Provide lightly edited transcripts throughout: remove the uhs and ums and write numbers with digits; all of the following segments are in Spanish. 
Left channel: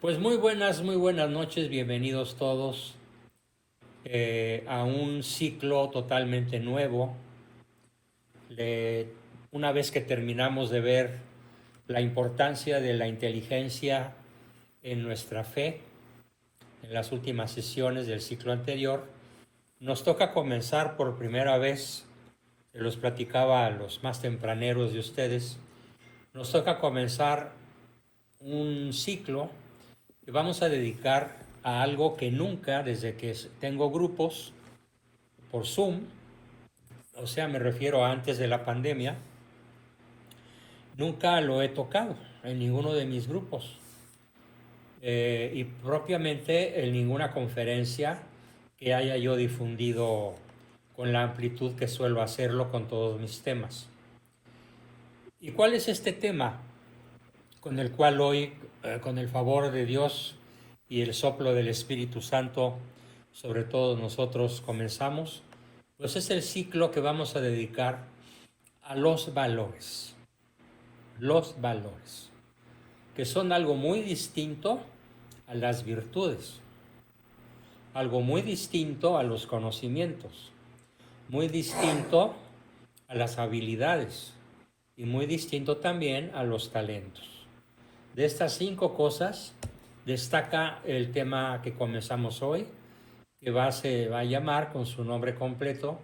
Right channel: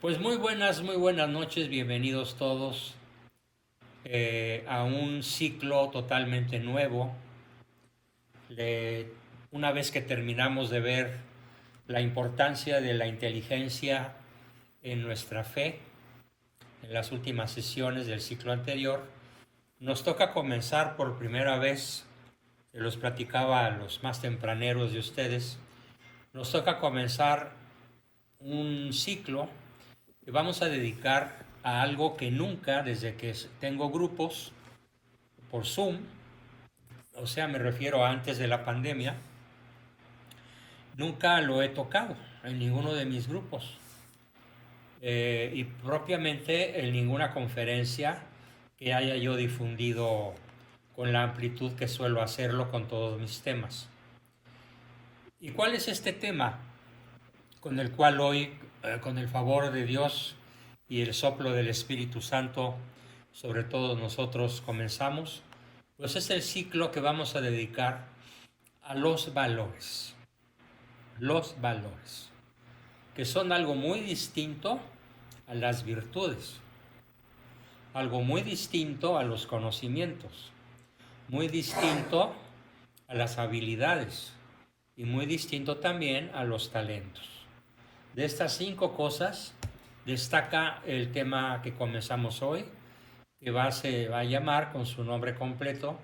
Pues muy buenas noches, bienvenidos todos a un ciclo totalmente nuevo. Le- una vez que terminamos de ver la importancia de la inteligencia en nuestra fe, en las últimas sesiones del ciclo anterior, nos toca comenzar por primera vez, los platicaba a los más tempraneros de ustedes, nos toca comenzar un ciclo que vamos a dedicar a algo que nunca, desde que tengo grupos por Zoom, o sea, me refiero a antes de la pandemia, nunca lo he tocado en ninguno de mis grupos y propiamente en ninguna conferencia que haya yo difundido con la amplitud que suelo hacerlo con todos mis temas. ¿Y cuál es este tema con el cual hoy, con el favor de Dios y el soplo del Espíritu Santo, sobre todos nosotros comenzamos? Pues es el ciclo que vamos a dedicar a los valores, que son algo muy distinto a las virtudes, algo muy distinto a los conocimientos, muy distinto a las habilidades y muy distinto también a los talentos. De estas 5 cosas destaca el tema que comenzamos hoy, que se va a llamar con su nombre completo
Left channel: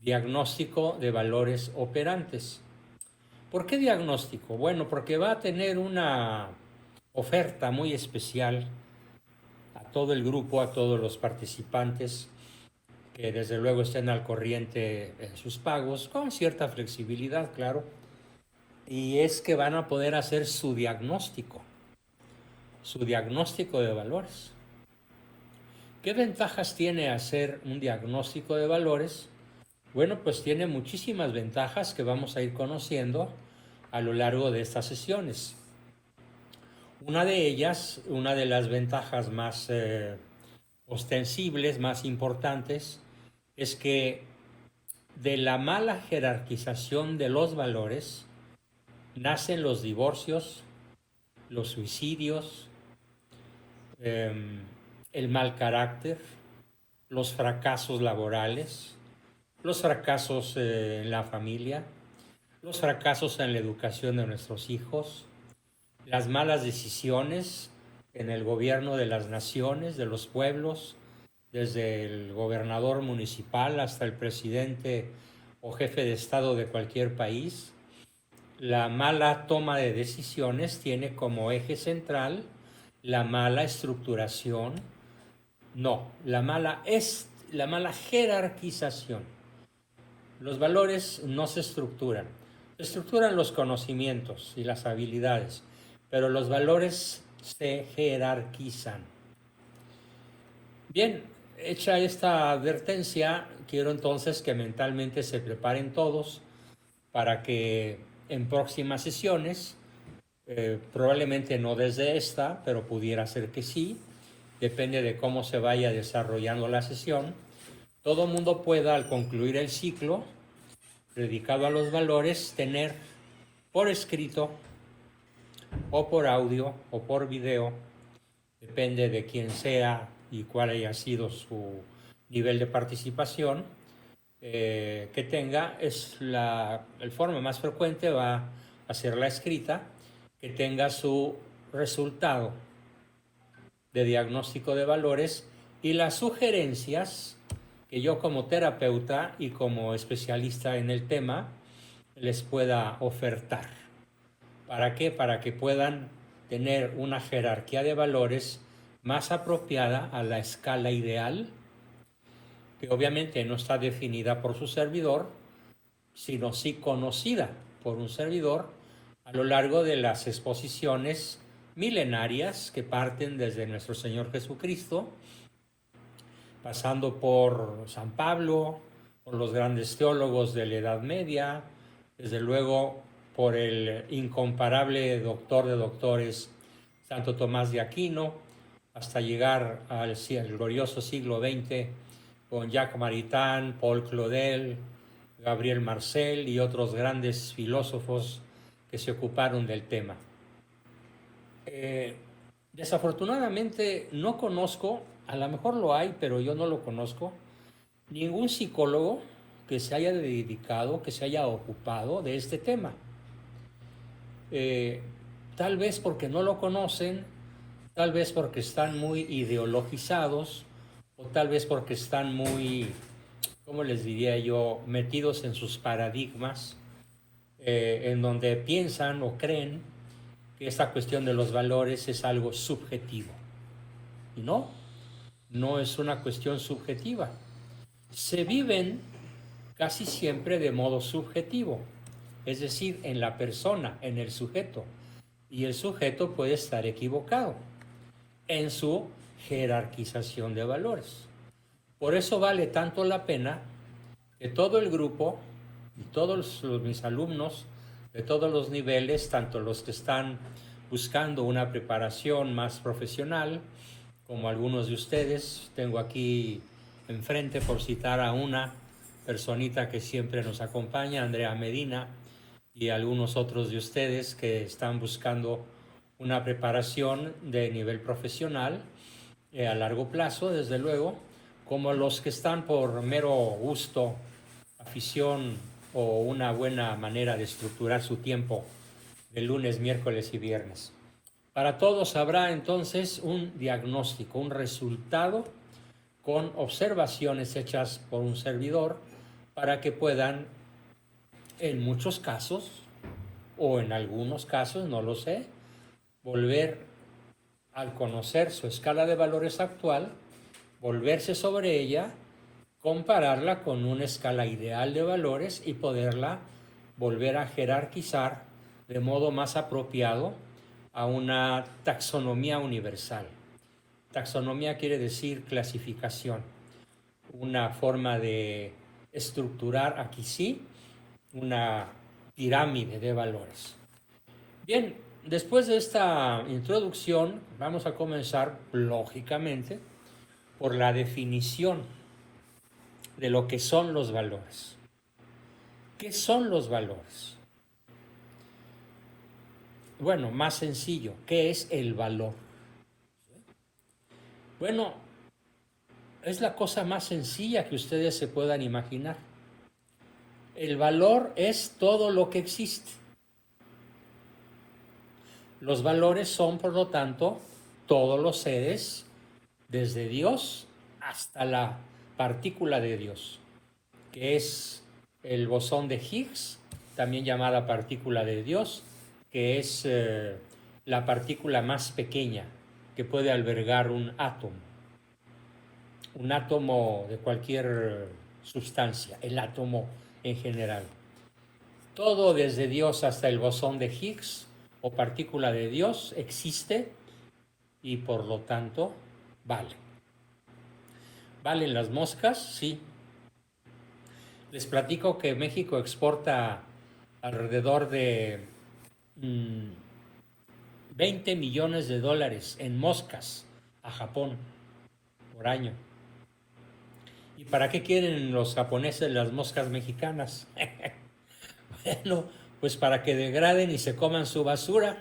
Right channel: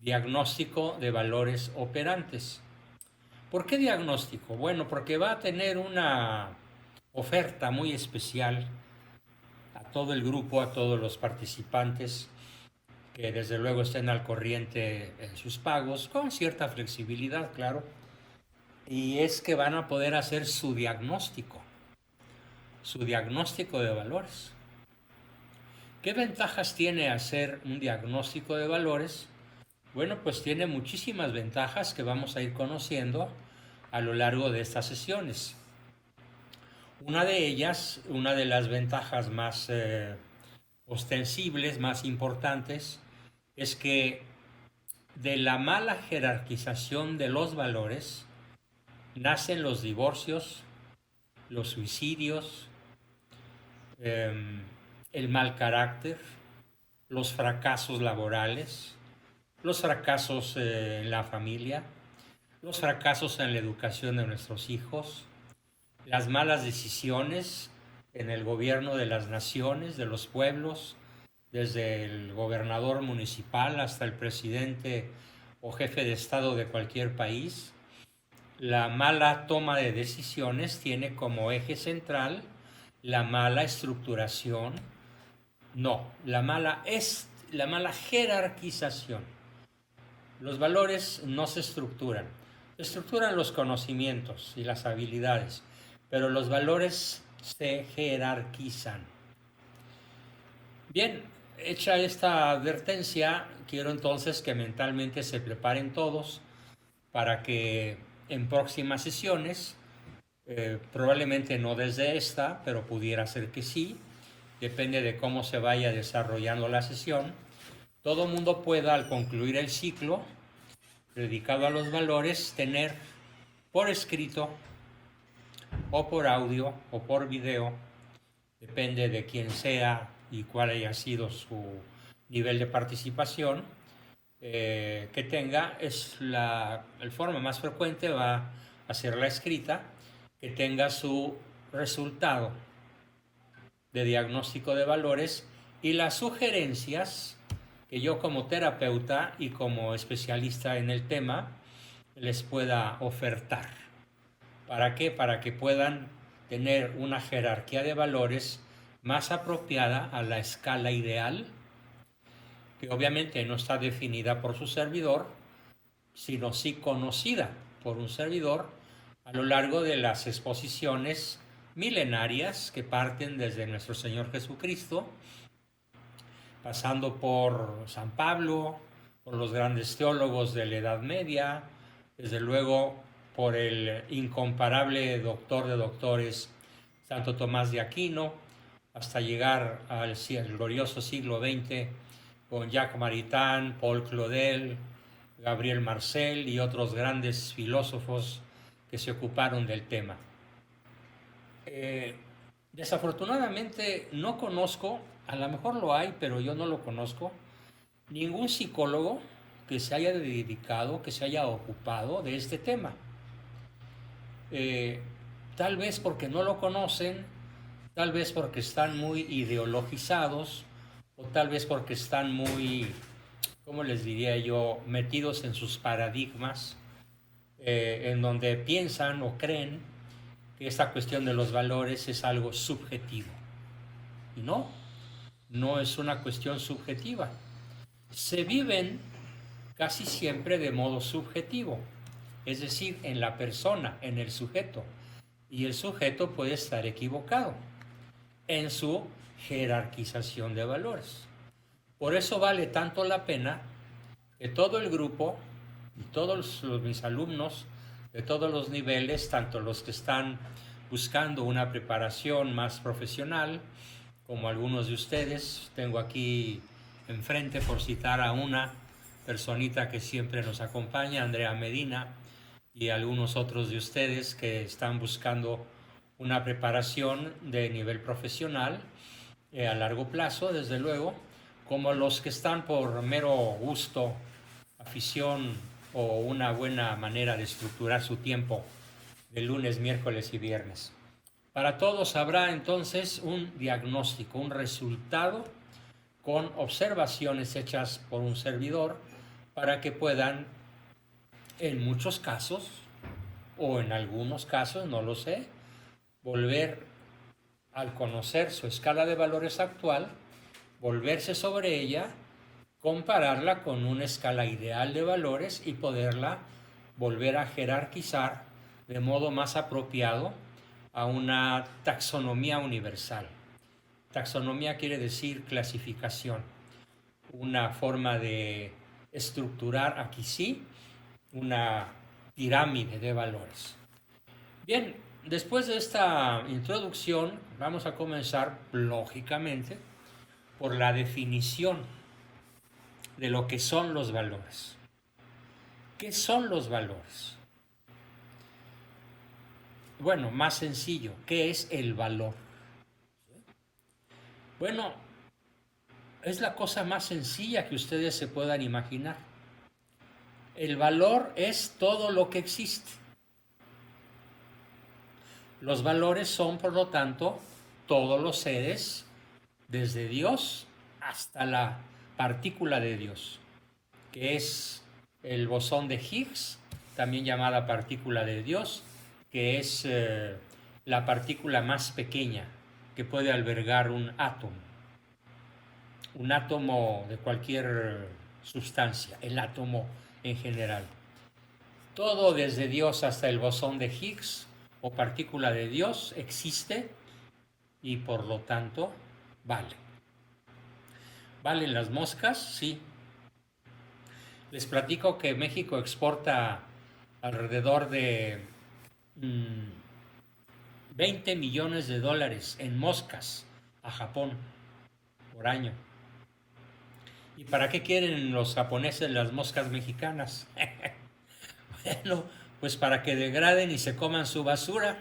Diagnóstico de Valores Operantes. ¿Por qué diagnóstico? Bueno, porque va a tener una oferta muy especial a todo el grupo, a todos los participantes, que desde luego estén al corriente en sus pagos, con cierta flexibilidad, claro, y es que van a poder hacer su diagnóstico de valores. ¿Qué ventajas tiene hacer un diagnóstico de valores? Bueno, pues tiene muchísimas ventajas que vamos a ir conociendo a lo largo de estas sesiones. Una de ellas, una de las ventajas más ostensibles, más importantes, es que de la mala jerarquización de los valores nacen los divorcios, los suicidios, eh, el mal carácter, los fracasos laborales, los fracasos en la familia, los fracasos en la educación de nuestros hijos, las malas decisiones en el gobierno de las naciones, de los pueblos, desde el gobernador municipal hasta el presidente o jefe de estado de cualquier país. La mala toma de decisiones tiene como eje central la mala estructuración, no, la mala jerarquización. Los valores no se estructuran los conocimientos y las habilidades, pero los valores se jerarquizan. Bien, hecha esta advertencia, quiero entonces que mentalmente se preparen todos para que en próximas sesiones, probablemente no desde esta, pero pudiera ser que sí, depende de cómo se vaya desarrollando la sesión, todo mundo pueda al concluir el ciclo dedicado a los valores tener por escrito o por audio o por video, depende de quién sea y cuál haya sido su nivel de participación, que tenga, el forma más frecuente va a ser la escrita, que tenga su resultado de diagnóstico de valores y las sugerencias que yo como terapeuta y como especialista en el tema les pueda ofertar. ¿Para qué? Para que puedan tener una jerarquía de valores más apropiada a la escala ideal, que obviamente no está definida por su servidor, sino sí conocida por un servidor a lo largo de las exposiciones milenarias que parten desde nuestro Señor Jesucristo, pasando por San Pablo, por los grandes teólogos de la Edad Media, desde luego por el incomparable doctor de doctores Santo Tomás de Aquino, hasta llegar al glorioso siglo XX con Jacques Maritain, Paul Claudel, Gabriel Marcel y otros grandes filósofos que se ocuparon del tema. Eh, Desafortunadamente no conozco, a lo mejor lo hay, pero yo no lo conozco, ningún psicólogo que se haya dedicado, que se haya ocupado de este tema. Eh, Tal vez porque no lo conocen, tal vez porque están muy ideologizados, o tal vez porque están muy, ¿cómo les diría yo?, metidos en sus paradigmas, en donde piensan o creen que esta cuestión de los valores es algo subjetivo. Y no, no es una cuestión subjetiva. Se viven casi siempre de modo subjetivo, es decir, en la persona, en el sujeto. Y el sujeto puede estar equivocado en su jerarquización de valores. Por eso vale tanto la pena que todo el grupo y todos mis alumnos de todos los niveles, tanto los que están buscando una preparación más profesional, como algunos de ustedes, tengo aquí enfrente, por citar a una personita que siempre nos acompaña, Andrea Medina, y algunos otros de ustedes que están buscando una preparación de nivel profesional a largo plazo, desde luego, como los que están por mero gusto, afición o una buena manera de estructurar su tiempo de lunes, miércoles y viernes. Para todos habrá entonces un diagnóstico, un resultado con observaciones hechas por un servidor para que puedan, en muchos casos, o en algunos casos, no lo sé, volver al conocer su escala de valores actual, volverse sobre ella, compararla con una escala ideal de valores y poderla volver a jerarquizar de modo más apropiado a una taxonomía universal. Taxonomía quiere decir clasificación, una forma de estructurar aquí sí una pirámide de valores. Bien, después de esta introducción vamos a comenzar lógicamente por la definición de lo que son los valores. ¿Qué son los valores? Bueno, más sencillo, ¿qué es el valor? Bueno, es la cosa más sencilla que ustedes se puedan imaginar. El valor es todo lo que existe. Los valores son, por lo tanto, todos los seres, desde Dios hasta la partícula de Dios, que es el bosón de Higgs, también llamada partícula de Dios, que es la partícula más pequeña que puede albergar un átomo de cualquier sustancia, el átomo en general. Todo desde Dios hasta el bosón de Higgs o partícula de Dios existe y por lo tanto vale. ¿Valen las moscas? Sí. Les platico que México exporta alrededor de 20 millones de dólares en moscas a Japón por año. ¿Y para qué quieren los japoneses las moscas mexicanas? Bueno, pues para que degraden y se coman su basura.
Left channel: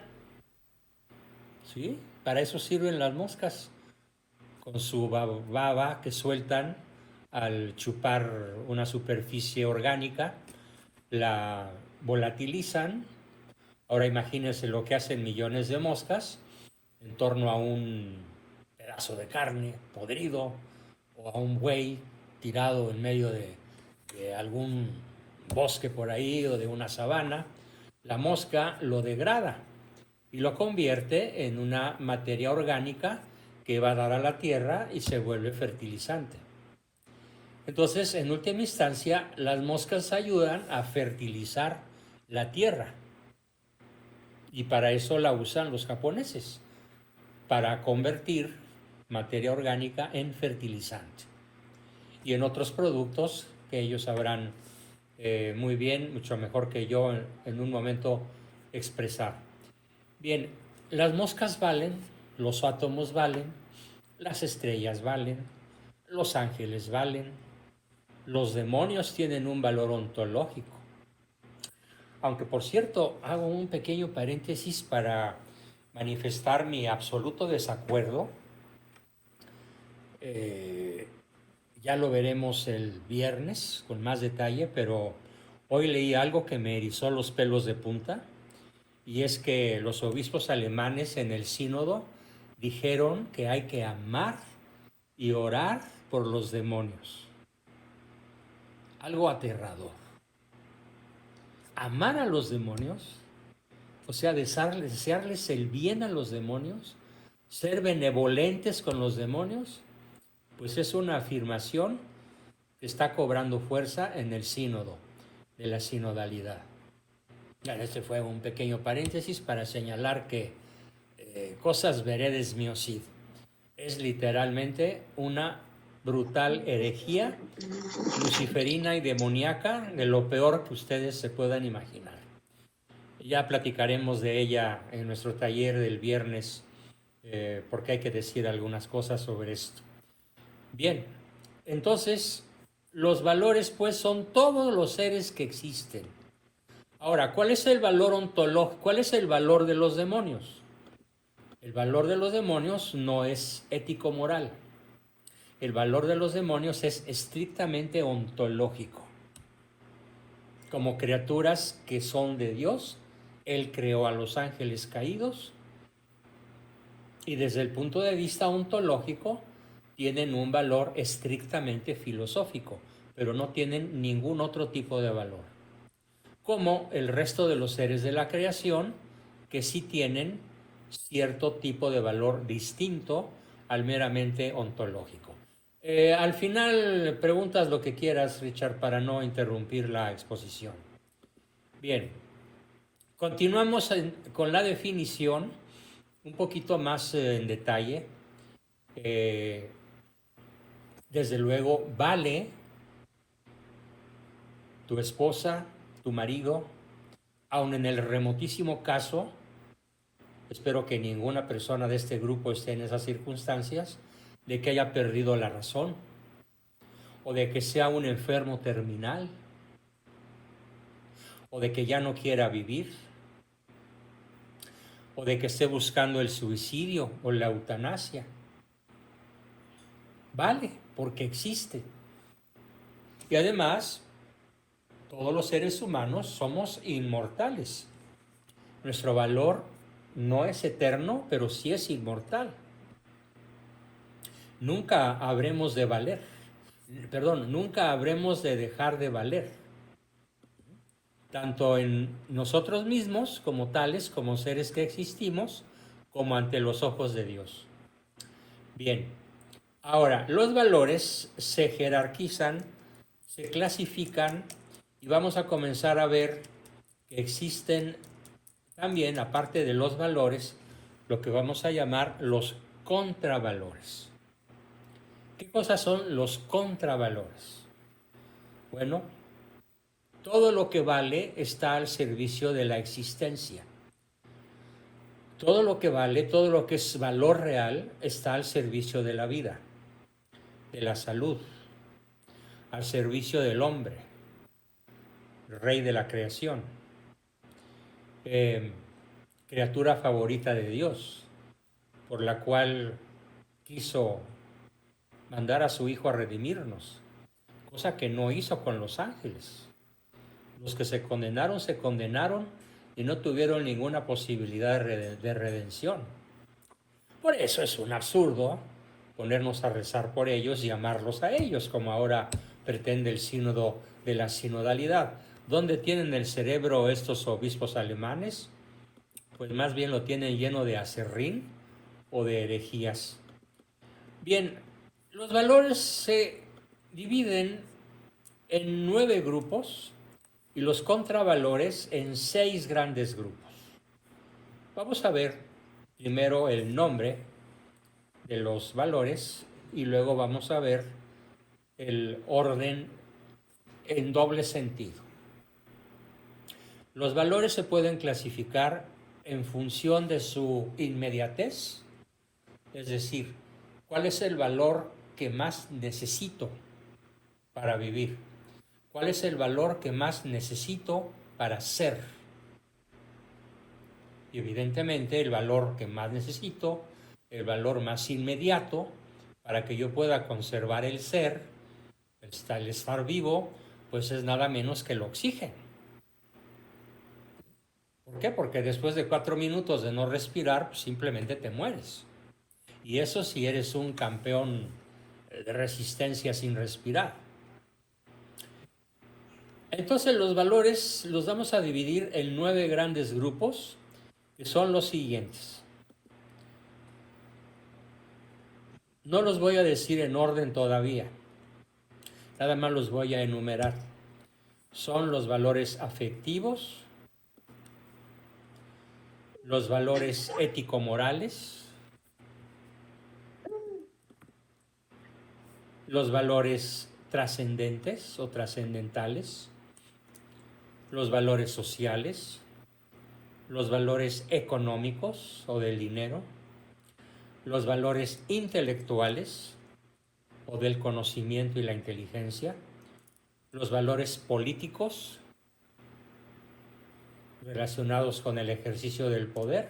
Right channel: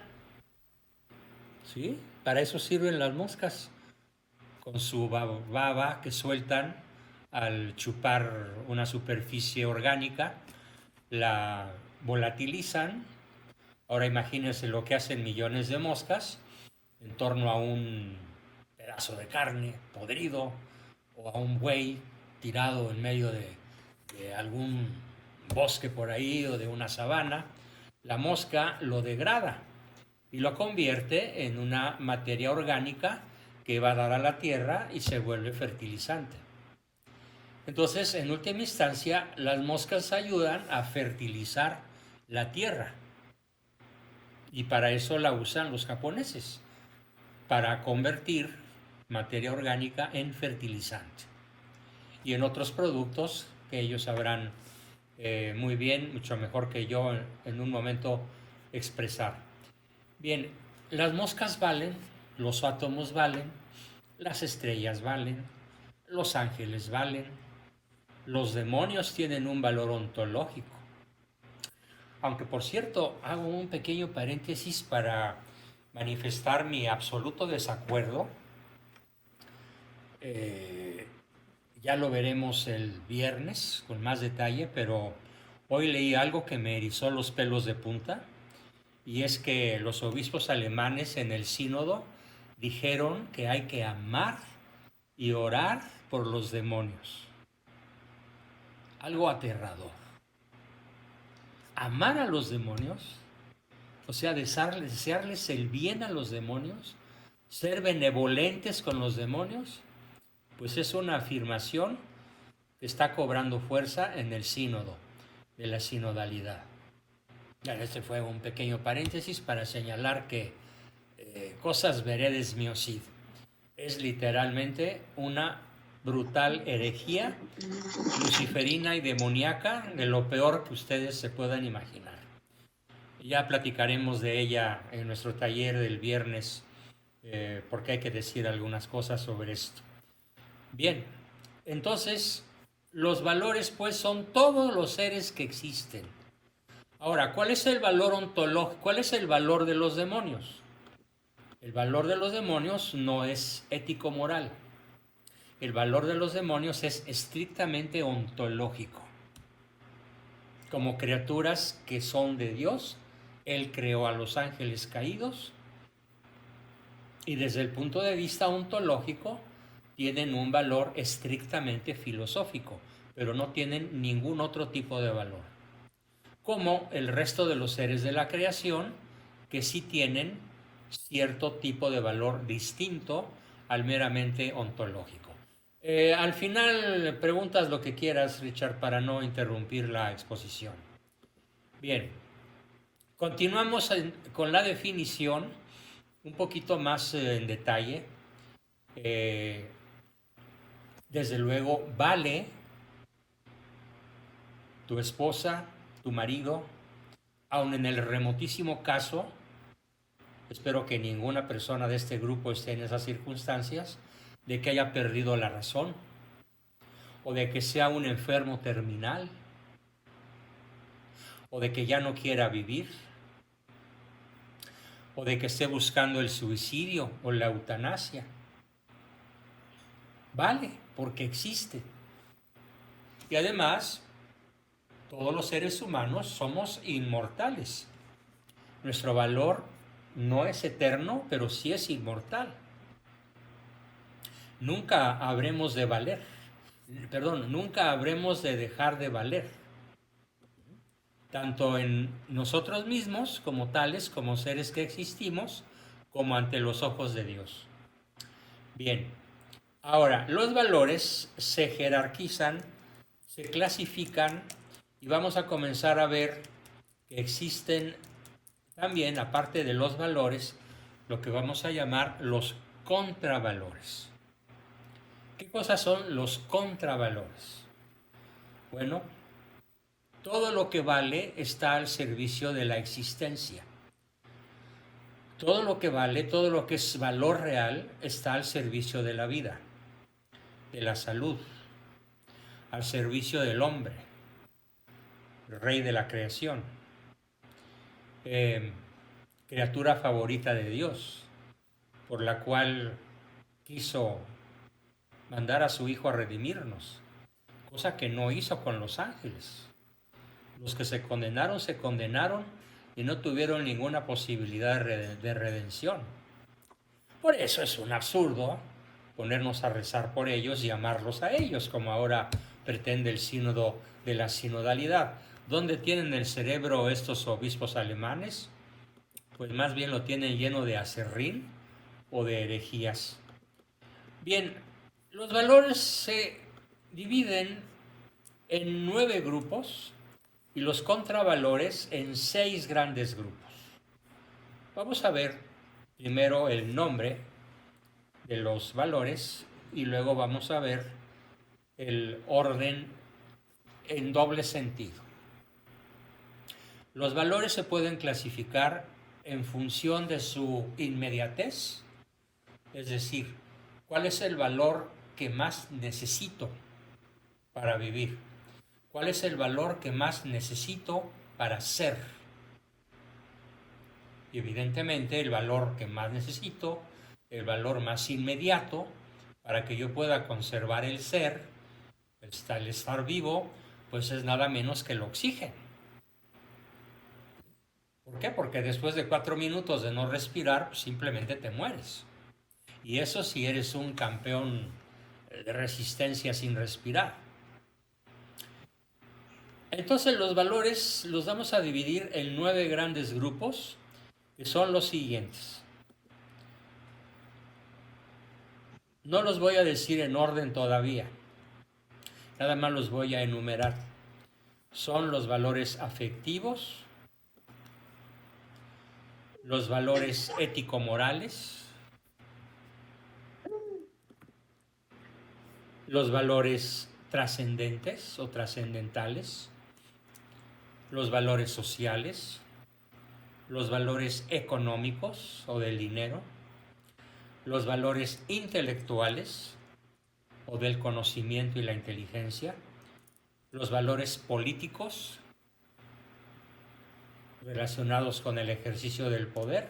¿Sí? Para eso sirven las moscas, con su baba que sueltan al chupar una superficie orgánica, la volatilizan. Ahora imagínense lo que hacen millones de moscas en torno a un pedazo de carne podrido o a un buey tirado en medio de algún bosque por ahí o de una sabana. La mosca lo degrada y lo convierte en una materia orgánica que va a dar a la tierra y se vuelve fertilizante. Entonces, en última instancia, las moscas ayudan a fertilizar la tierra. Y para eso la usan los japoneses, para convertir materia orgánica en fertilizante. Y en otros productos que ellos sabrán muy bien, mucho mejor que yo en un momento expresar. Bien, las moscas valen, los átomos valen, las estrellas valen, los ángeles valen, los demonios tienen un valor ontológico. Aunque por cierto, hago un pequeño paréntesis para manifestar mi absoluto desacuerdo. Ya lo veremos el viernes con más detalle, pero hoy leí algo que me erizó los pelos de punta, y es que los obispos alemanes en el sínodo dijeron que hay que amar y orar por los demonios. Algo aterrador. Amar a los demonios, o sea, desearles el bien a los demonios, ser benevolentes con los demonios, pues es una afirmación que está cobrando fuerza en el sínodo, de la sinodalidad. Este fue un pequeño paréntesis para señalar que Cosas veredes mio Cid es literalmente una brutal herejía luciferina y demoníaca, de lo peor que ustedes se puedan imaginar. Ya platicaremos de ella en nuestro taller del viernes, porque hay que decir algunas cosas sobre esto. Bien, entonces los valores pues son todos los seres que existen. Ahora, ¿cuál es el valor ontológico? ¿Cuál es el valor de los demonios? El valor de los demonios no es ético-moral. El valor de los demonios es estrictamente ontológico. Como criaturas que son de Dios, Él creó a los ángeles caídos y desde el punto de vista ontológico tienen un valor estrictamente filosófico, pero no tienen ningún otro tipo de valor. Como el resto de los seres de la creación, que sí tienen cierto tipo de valor distinto al meramente ontológico. Al final preguntas lo que quieras, Richard, para no interrumpir la exposición. Bien, continuamos con la definición un poquito más en detalle. Desde luego, vale tu esposa, tu marido, aun en el remotísimo caso, espero que ninguna persona de este grupo esté en esas circunstancias, de que haya perdido la razón, o de que sea un enfermo terminal, o de que ya no quiera vivir, o de que esté buscando el suicidio o la eutanasia. Vale, porque existe. Y además, todos los seres humanos somos inmortales. Nuestro valor no es eterno, pero sí es inmortal. Nunca habremos de valer, nunca habremos de dejar de valer, tanto en nosotros mismos como tales, como seres que existimos, como ante los ojos de Dios. Bien, ahora, los valores se jerarquizan, se clasifican, y vamos a comenzar a ver que existen también, aparte de los valores, lo que vamos a llamar los contravalores. ¿Qué cosas son los contravalores? Bueno, todo lo que vale está al servicio de la existencia. Todo lo que vale, todo lo que es valor real, está al servicio de la vida, de la salud, al servicio del hombre, el rey de la creación, criatura favorita de Dios, por la cual quiso mandar a su Hijo a redimirnos, cosa que no hizo con los ángeles. Los que se condenaron y no tuvieron ninguna posibilidad de redención. Por eso es un absurdo ponernos a rezar por ellos y amarlos a ellos, como ahora pretende el sínodo de la sinodalidad. ¿Dónde tienen el cerebro estos obispos alemanes? Pues más bien lo tienen lleno de aserrín o de herejías. Bien, los valores se dividen en 9 grupos y los contravalores en 6 grandes grupos. Vamos a ver primero el nombre de los valores y luego vamos a ver el orden en doble sentido. Los valores se pueden clasificar en función de su inmediatez, es decir, ¿cuál es el valor que más necesito para vivir? ¿Cuál es el valor que más necesito para ser? Y evidentemente el valor que más necesito, el valor más inmediato para que yo pueda conservar el ser, el estar vivo, pues es nada menos que el oxígeno. ¿Por qué? Porque después de 4 minutos de no respirar, pues simplemente te mueres. Y eso si eres un campeón de resistencia sin respirar. Entonces los valores los vamos a dividir en 9 grandes grupos, que son los siguientes. No los voy a decir en orden todavía, nada más los voy a enumerar. Son los valores afectivos, los valores ético-morales, los valores trascendentes o trascendentales, los valores sociales, los valores económicos o del dinero, los valores intelectuales o del conocimiento y la inteligencia, los valores políticos relacionados con el ejercicio del poder,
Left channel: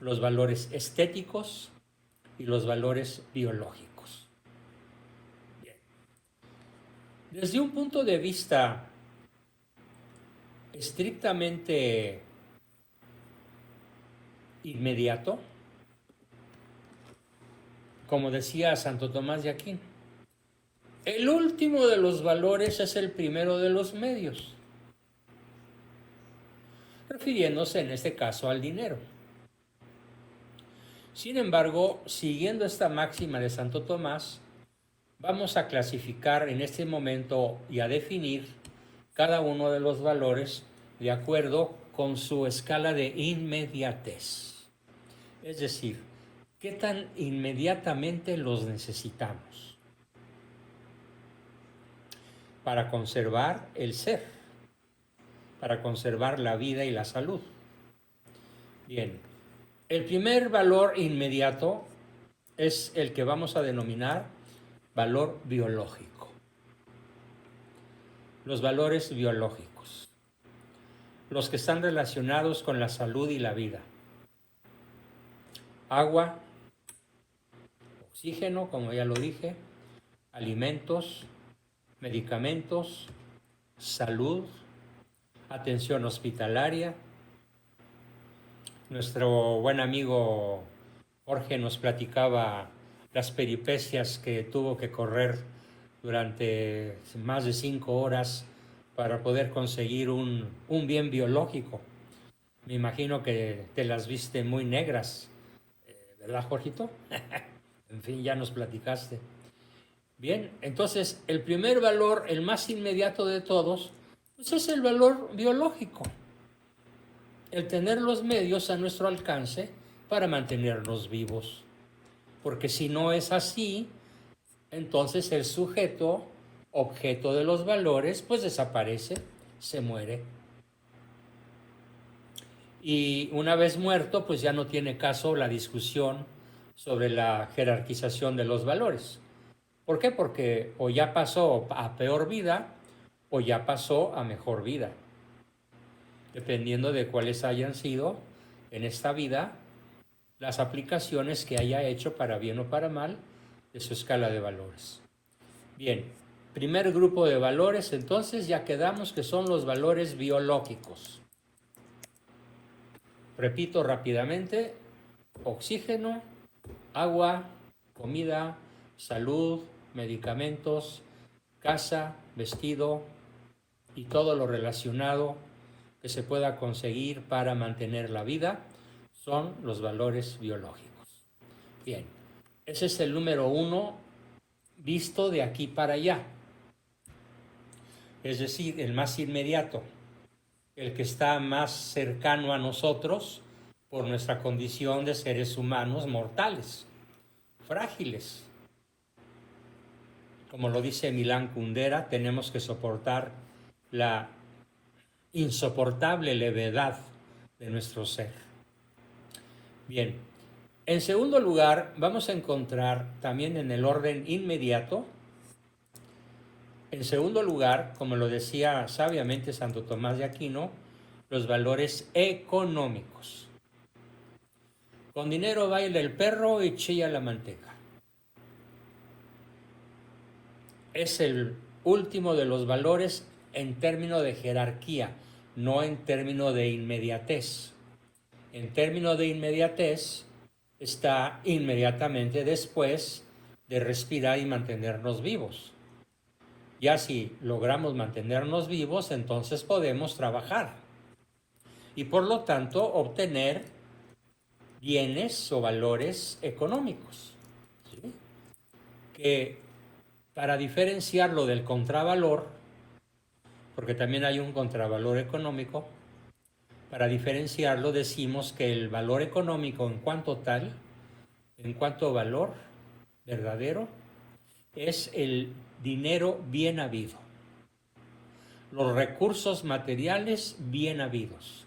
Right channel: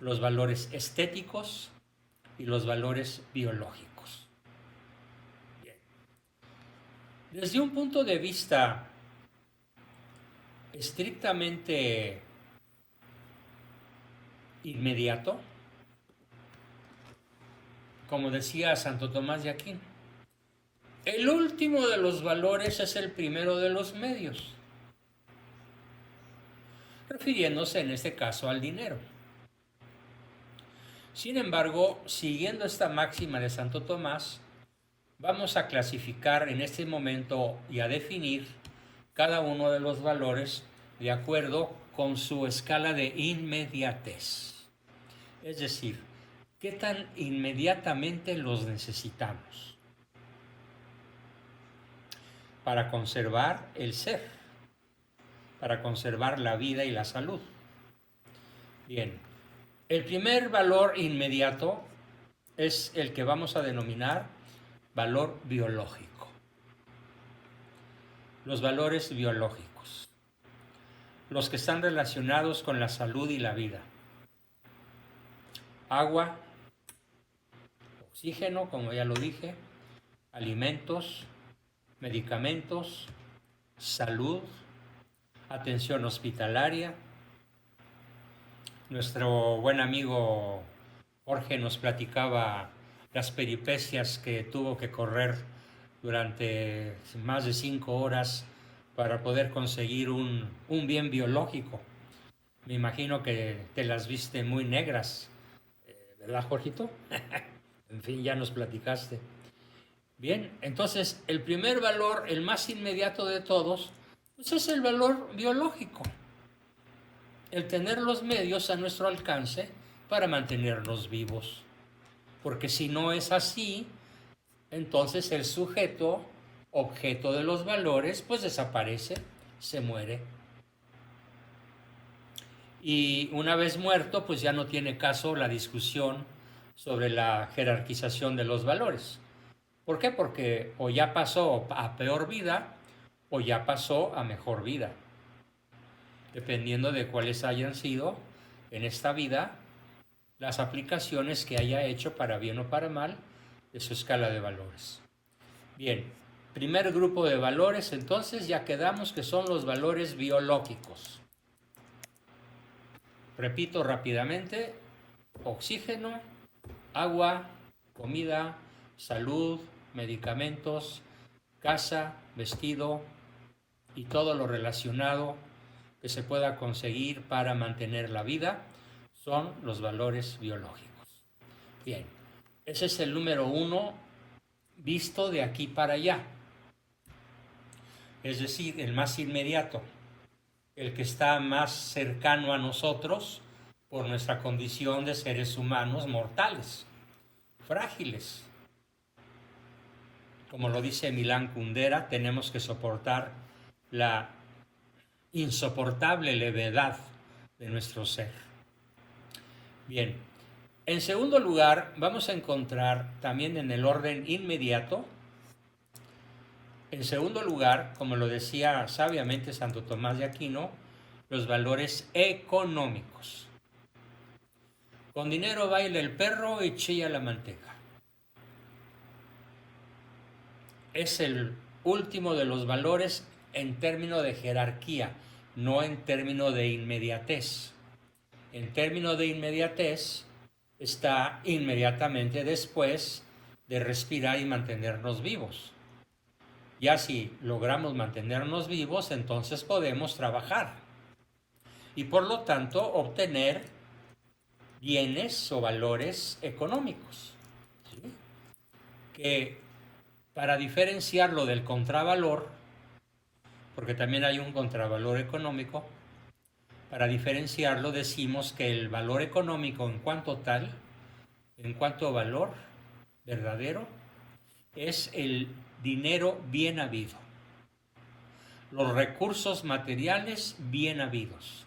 los valores estéticos y los valores biológicos. Bien. Desde un punto de vista estrictamente inmediato, como decía Santo Tomás de Aquino, el último de los valores es el primero de los medios, refiriéndose en este caso al dinero. Sin embargo, siguiendo esta máxima de Santo Tomás, vamos a clasificar en este momento y a definir cada uno de los valores de acuerdo con su escala de inmediatez. Es decir, ¿qué tan inmediatamente los necesitamos para conservar el ser, para conservar la vida y la salud? Bien, el primer valor inmediato es el que vamos a denominar valor biológico. Los valores biológicos, los que están relacionados con la salud y la vida. Agua, oxígeno, como ya lo dije, alimentos, medicamentos, salud, atención hospitalaria. Nuestro buen amigo Jorge nos platicaba las peripecias que tuvo que correr durante más de 5 horas para poder conseguir un bien biológico. Me imagino que te las viste muy negras, ¿verdad, Jorgito? En fin, ya nos platicaste. Bien, entonces el primer valor, el más inmediato de todos, pues es el valor biológico. El tener los medios a nuestro alcance para mantenernos vivos. Porque si no es así, entonces el sujeto, objeto de los valores, pues desaparece, se muere. Y una vez muerto, pues ya no tiene caso la discusión sobre la jerarquización de los valores. ¿Por qué? Porque o ya pasó a peor vida o ya pasó a mejor vida, dependiendo de cuáles hayan sido en esta vida las aplicaciones que haya hecho para bien o para mal de su escala de valores. Bien, primer grupo de valores, entonces ya quedamos que son los valores biológicos. Repito rápidamente: oxígeno, agua, comida, salud, medicamentos, casa, vestido y todo lo relacionado que se pueda conseguir para mantener la vida son los valores biológicos. Bien, ese es el número 1 visto de aquí para allá. Es decir, el más inmediato, el que está más cercano a nosotros por nuestra condición de seres humanos mortales, frágiles. Como lo dice Milán Kundera, tenemos que soportar la insoportable levedad de nuestro ser. Bien, en segundo lugar, vamos a encontrar también en el orden inmediato, en segundo lugar, como lo decía sabiamente Santo Tomás de Aquino, los valores económicos. Con dinero baila el perro y chilla la manteca. Es el último de los valores en términos de jerarquía, no en términos de inmediatez. En términos de inmediatez está inmediatamente después de respirar y mantenernos vivos. Ya si logramos mantenernos vivos, entonces podemos trabajar y por lo tanto obtener bienes o valores económicos, ¿sí? Que para diferenciarlo del contravalor, porque también hay un contravalor económico, para diferenciarlo decimos que el valor económico en cuanto tal, en cuanto valor verdadero, es el dinero bien habido, los recursos materiales bien habidos,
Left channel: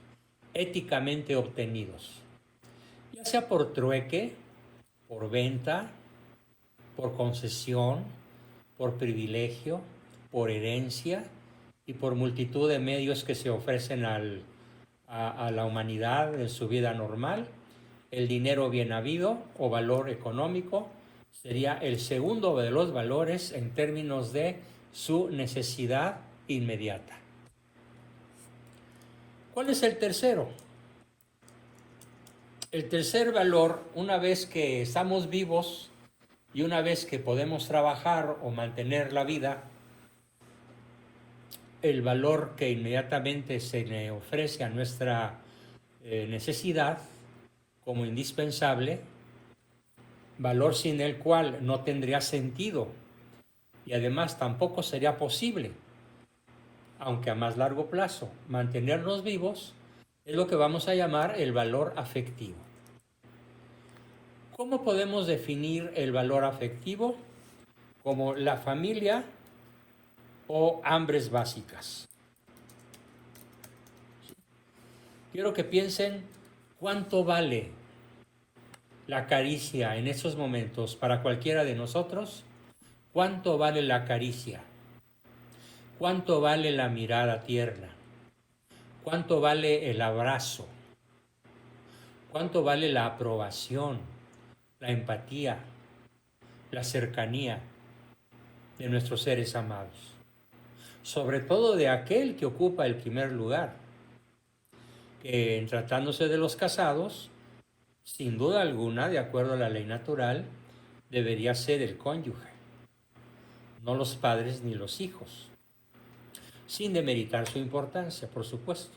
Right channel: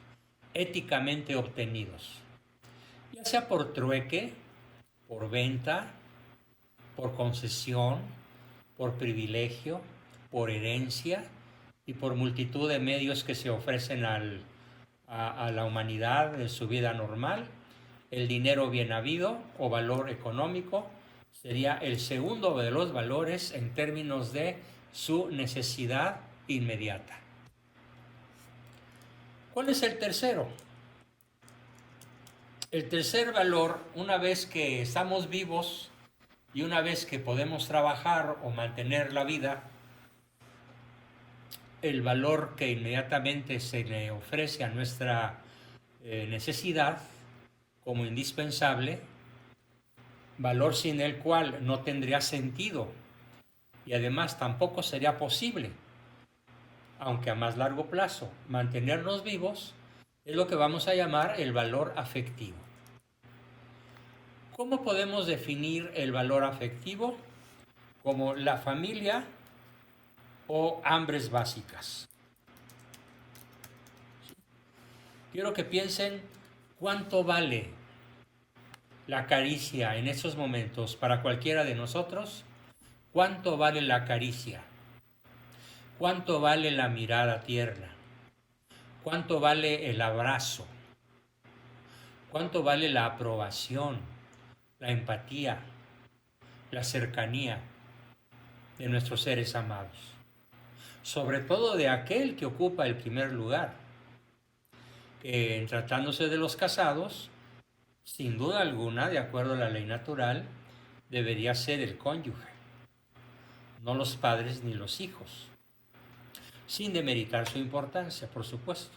éticamente obtenidos, ya sea por trueque, por venta, por concesión, por privilegio, por herencia y por multitud de medios que se ofrecen a la humanidad en su vida normal. El dinero bien habido o valor económico sería el segundo de los valores en términos de su necesidad inmediata. ¿Cuál es el tercero? El tercer valor, una vez que estamos vivos y una vez que podemos trabajar o mantener la vida, el valor que inmediatamente se le ofrece a nuestra necesidad como indispensable, valor sin el cual no tendría sentido y además tampoco sería posible, aunque a más largo plazo, mantenernos vivos, es lo que vamos a llamar el valor afectivo. ¿Cómo podemos definir el valor afectivo? Como la familia o hambres básicas. Quiero que piensen cuánto vale la caricia en esos momentos para cualquiera de nosotros. ¿Cuánto vale la caricia? ¿Cuánto vale la mirada tierna? ¿Cuánto vale el abrazo? ¿Cuánto vale la aprobación, la empatía, la cercanía de nuestros seres amados? Sobre todo de aquel que ocupa el primer lugar. Tratándose de los casados, sin duda alguna, de acuerdo a la ley natural, debería ser el cónyuge, no los padres ni los hijos, sin demeritar su importancia, por supuesto.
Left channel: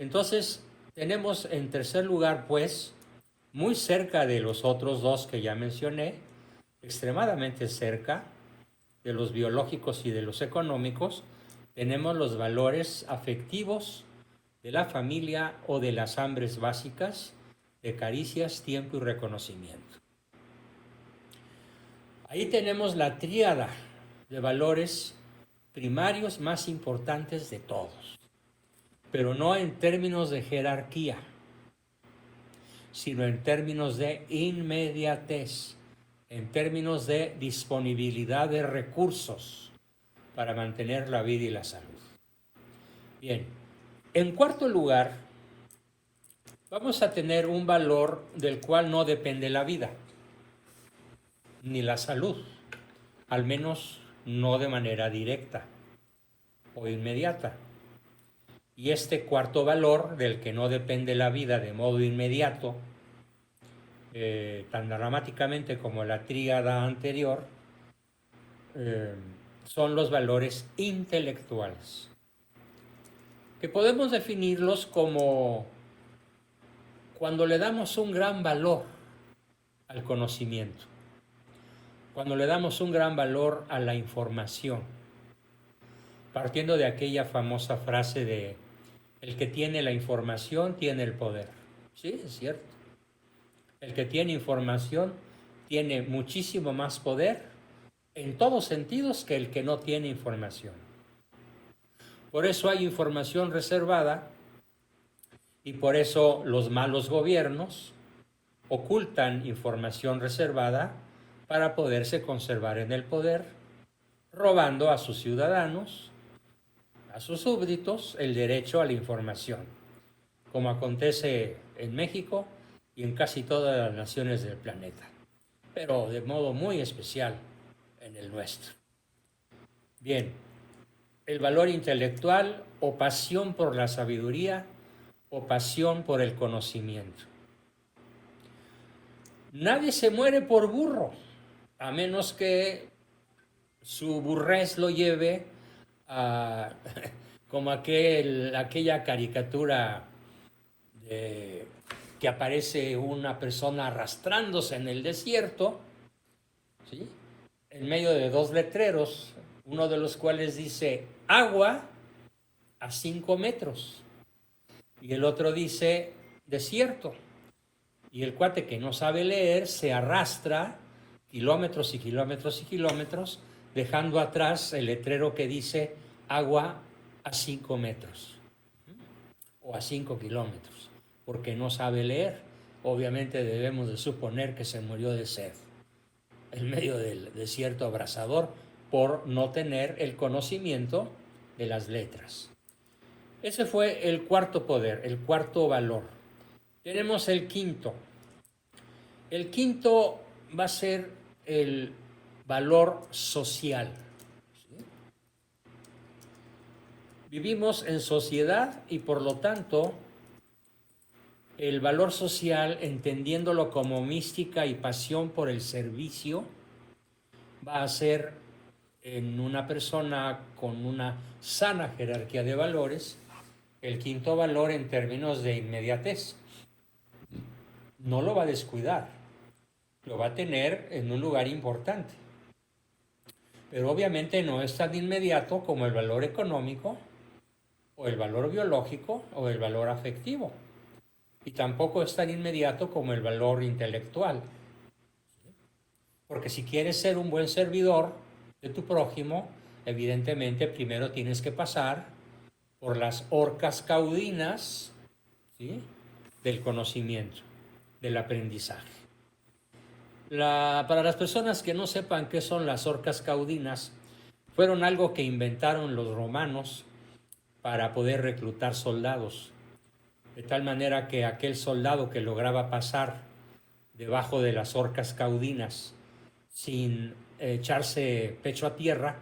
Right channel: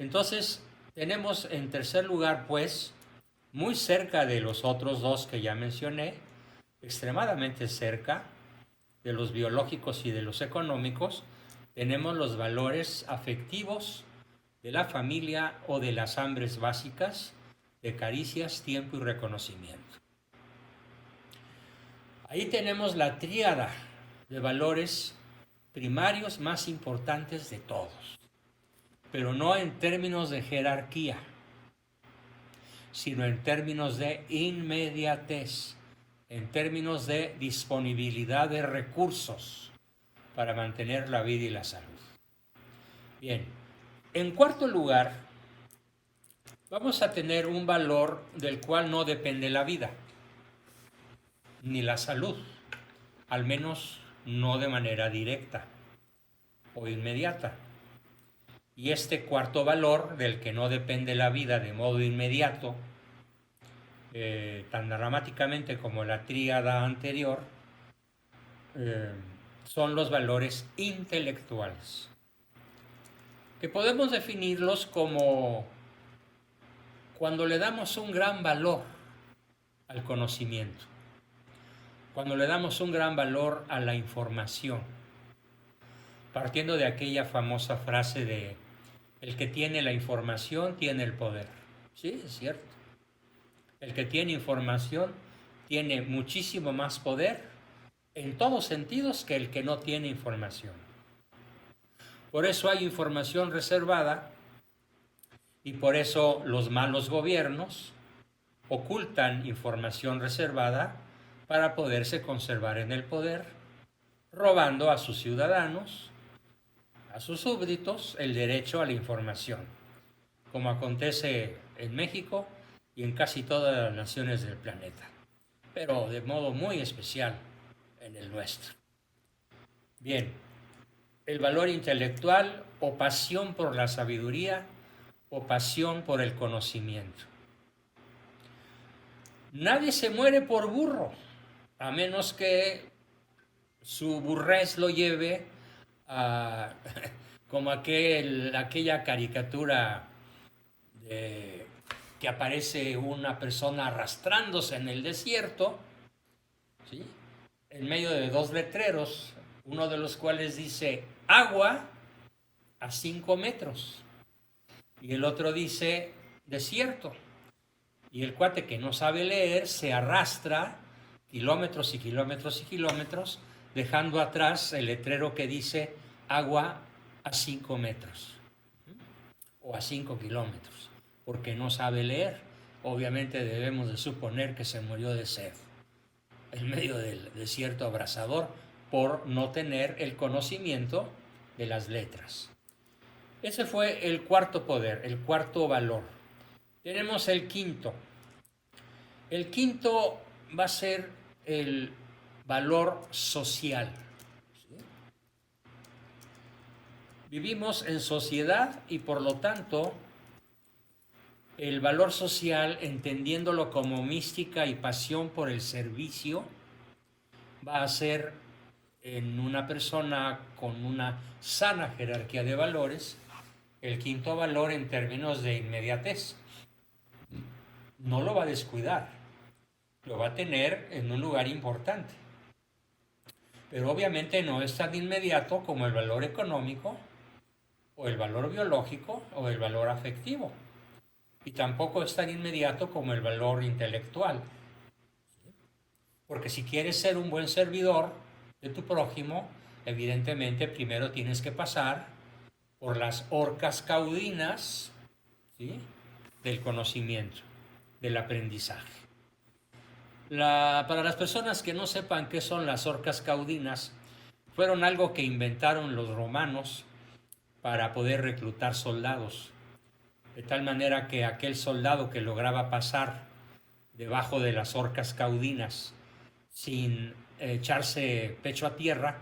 Entonces, tenemos en tercer lugar, pues, muy cerca de los otros dos que ya mencioné, extremadamente cerca de los biológicos y de los económicos, tenemos los valores afectivos de la familia o de las hambres básicas, de caricias, tiempo y reconocimiento. Ahí tenemos la tríada de valores primarios más importantes de todos, pero no en términos de jerarquía, sino en términos de inmediatez, en términos de disponibilidad de recursos para mantener la vida y la salud. Bien, en cuarto lugar, vamos a tener un valor del cual no depende la vida, ni la salud, al menos no de manera directa o inmediata. Y este cuarto valor, del que no depende la vida de modo inmediato, tan dramáticamente como la tríada anterior, son los valores intelectuales, que podemos definirlos como cuando le damos un gran valor al conocimiento, cuando le damos un gran valor a la información, partiendo de aquella famosa frase de el que tiene la información tiene el poder. Sí, es cierto. El que tiene información tiene muchísimo más poder en todos sentidos que el que no tiene información. Por eso hay información reservada y por eso los malos gobiernos ocultan información reservada para poderse conservar en el poder, robando a sus ciudadanos, a sus súbditos, el derecho a la información, como acontece en México y en casi todas las naciones del planeta, pero de modo muy especial en el nuestro. Bien, el valor intelectual o pasión por la sabiduría o pasión por el conocimiento. Nadie se muere por burro, a menos que su burrez lo lleve a como aquella caricatura que aparece una persona arrastrándose en el desierto, ¿sí?, en medio de dos letreros, uno de los cuales dice agua a 5 metros y el otro dice desierto. Y el cuate que no sabe leer se arrastra kilómetros y kilómetros y kilómetros, dejando atrás el letrero que dice agua a 5 metros o a 5 kilómetros, porque no sabe leer. Obviamente debemos de suponer que se murió de sed en medio del desierto abrasador por no tener el conocimiento de las letras. Ese fue el cuarto poder, el cuarto valor. Tenemos el quinto. El quinto va a ser el valor social. Vivimos en sociedad y por lo tanto el valor social, entendiéndolo como mística y pasión por el servicio, va a ser en una persona con una sana jerarquía de valores el quinto valor en términos de inmediatez. No lo va a descuidar, lo va a tener en un lugar importante. Pero obviamente no es tan inmediato como el valor económico, o el valor biológico, o el valor afectivo. Y tampoco es tan inmediato como el valor intelectual. Porque si quieres ser un buen servidor de tu prójimo, evidentemente primero tienes que pasar por las horcas caudinas, ¿sí?, del conocimiento, del aprendizaje. Para las personas que no sepan qué son las horcas caudinas, fueron algo que inventaron los romanos para poder reclutar soldados, de tal manera que aquel soldado que lograba pasar debajo de las horcas caudinas sin echarse pecho a tierra,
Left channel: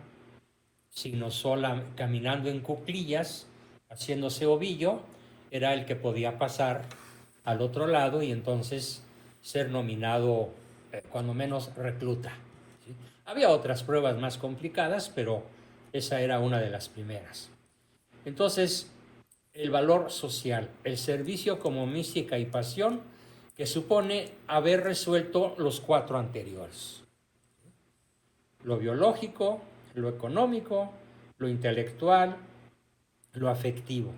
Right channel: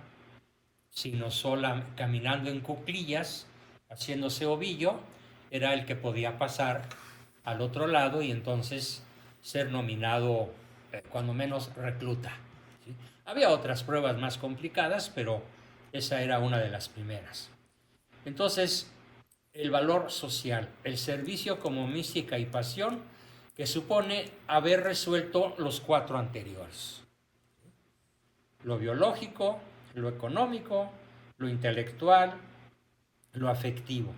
sino sola caminando en cuclillas, haciéndose ovillo, era el que podía pasar al otro lado y entonces ser nominado, cuando menos, recluta. ¿Sí? Había otras pruebas más complicadas, pero esa era una de las primeras. Entonces, el valor social, el servicio como mística y pasión, que supone haber resuelto los cuatro anteriores: lo biológico, lo económico, lo intelectual, lo afectivo.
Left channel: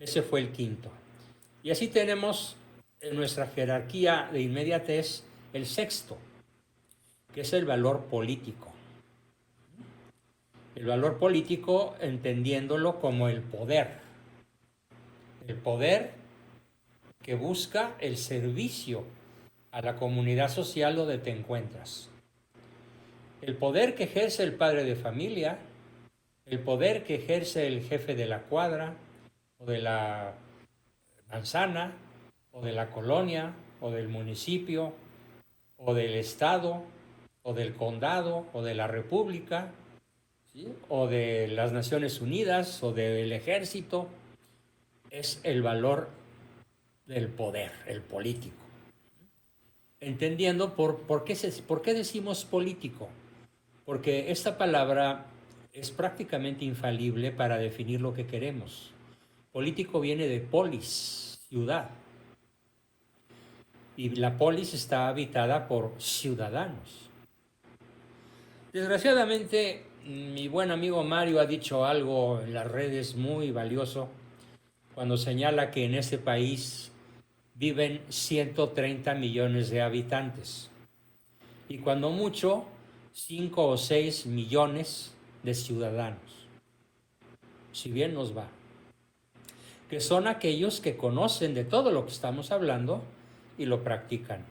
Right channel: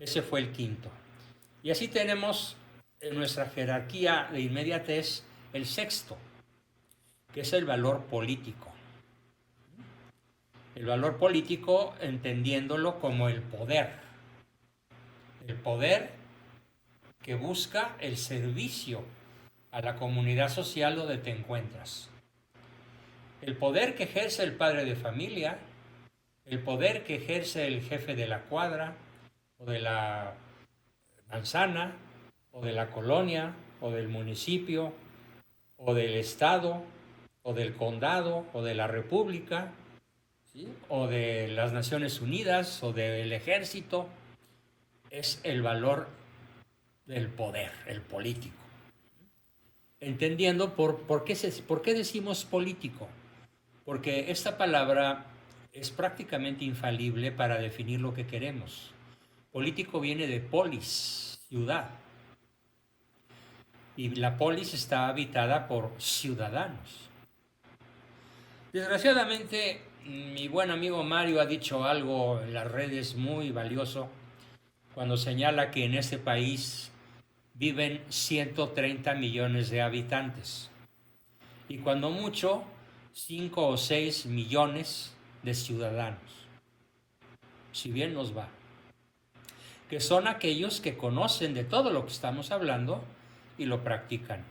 Ese fue el quinto. Y así tenemos en nuestra jerarquía de inmediatez el sexto, que es el valor político. El valor político entendiéndolo como el poder que busca el servicio a la comunidad social donde te encuentras. El poder que ejerce el padre de familia, el poder que ejerce el jefe de la cuadra, o de la manzana, o de la colonia, o del municipio, o del estado, o del condado, o de la república, ¿sí?, o de las Naciones Unidas, o del ejército. Es el valor del poder, el político. Entendiendo por qué decimos político. Porque esta palabra es prácticamente infalible para definir lo que queremos. Político viene de polis, ciudad. Y la polis está habitada por ciudadanos. Desgraciadamente, mi buen amigo Mario ha dicho algo en las redes muy valioso cuando señala que en este país viven 130 millones de habitantes. Y cuando mucho, 5 o 6 millones de ciudadanos, si bien nos va, que son aquellos que conocen de todo lo que estamos hablando y lo practican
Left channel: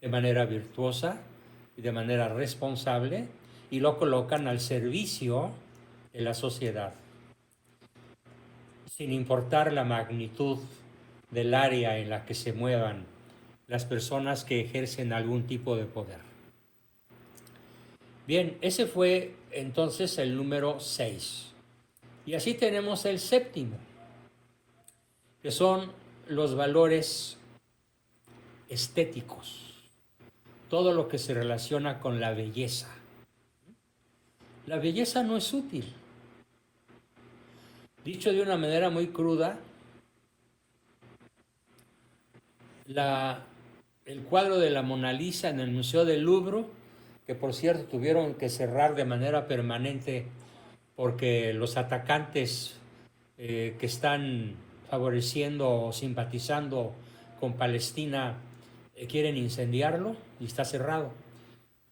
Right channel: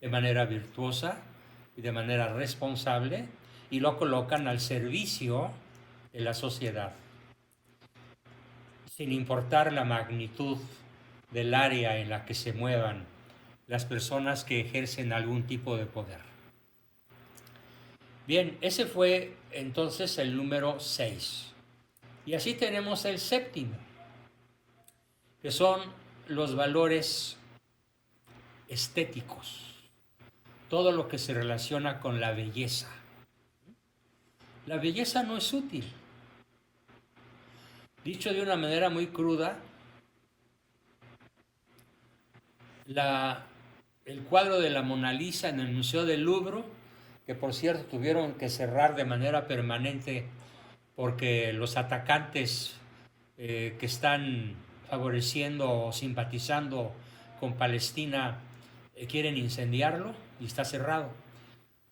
de manera virtuosa y de manera responsable y lo colocan al servicio de la sociedad, sin importar la magnitud del área en la que se muevan las personas que ejercen algún tipo de poder. Bien, ese fue entonces el número 6. Y así tenemos el séptimo, que son los valores estéticos, todo lo que se relaciona con la belleza. La belleza no es útil. Dicho de una manera muy cruda, el cuadro de la Mona Lisa en el Museo del Louvre, que por cierto tuvieron que cerrar de manera permanente porque los atacantes que están favoreciendo o simpatizando con Palestina quieren incendiarlo y está cerrado.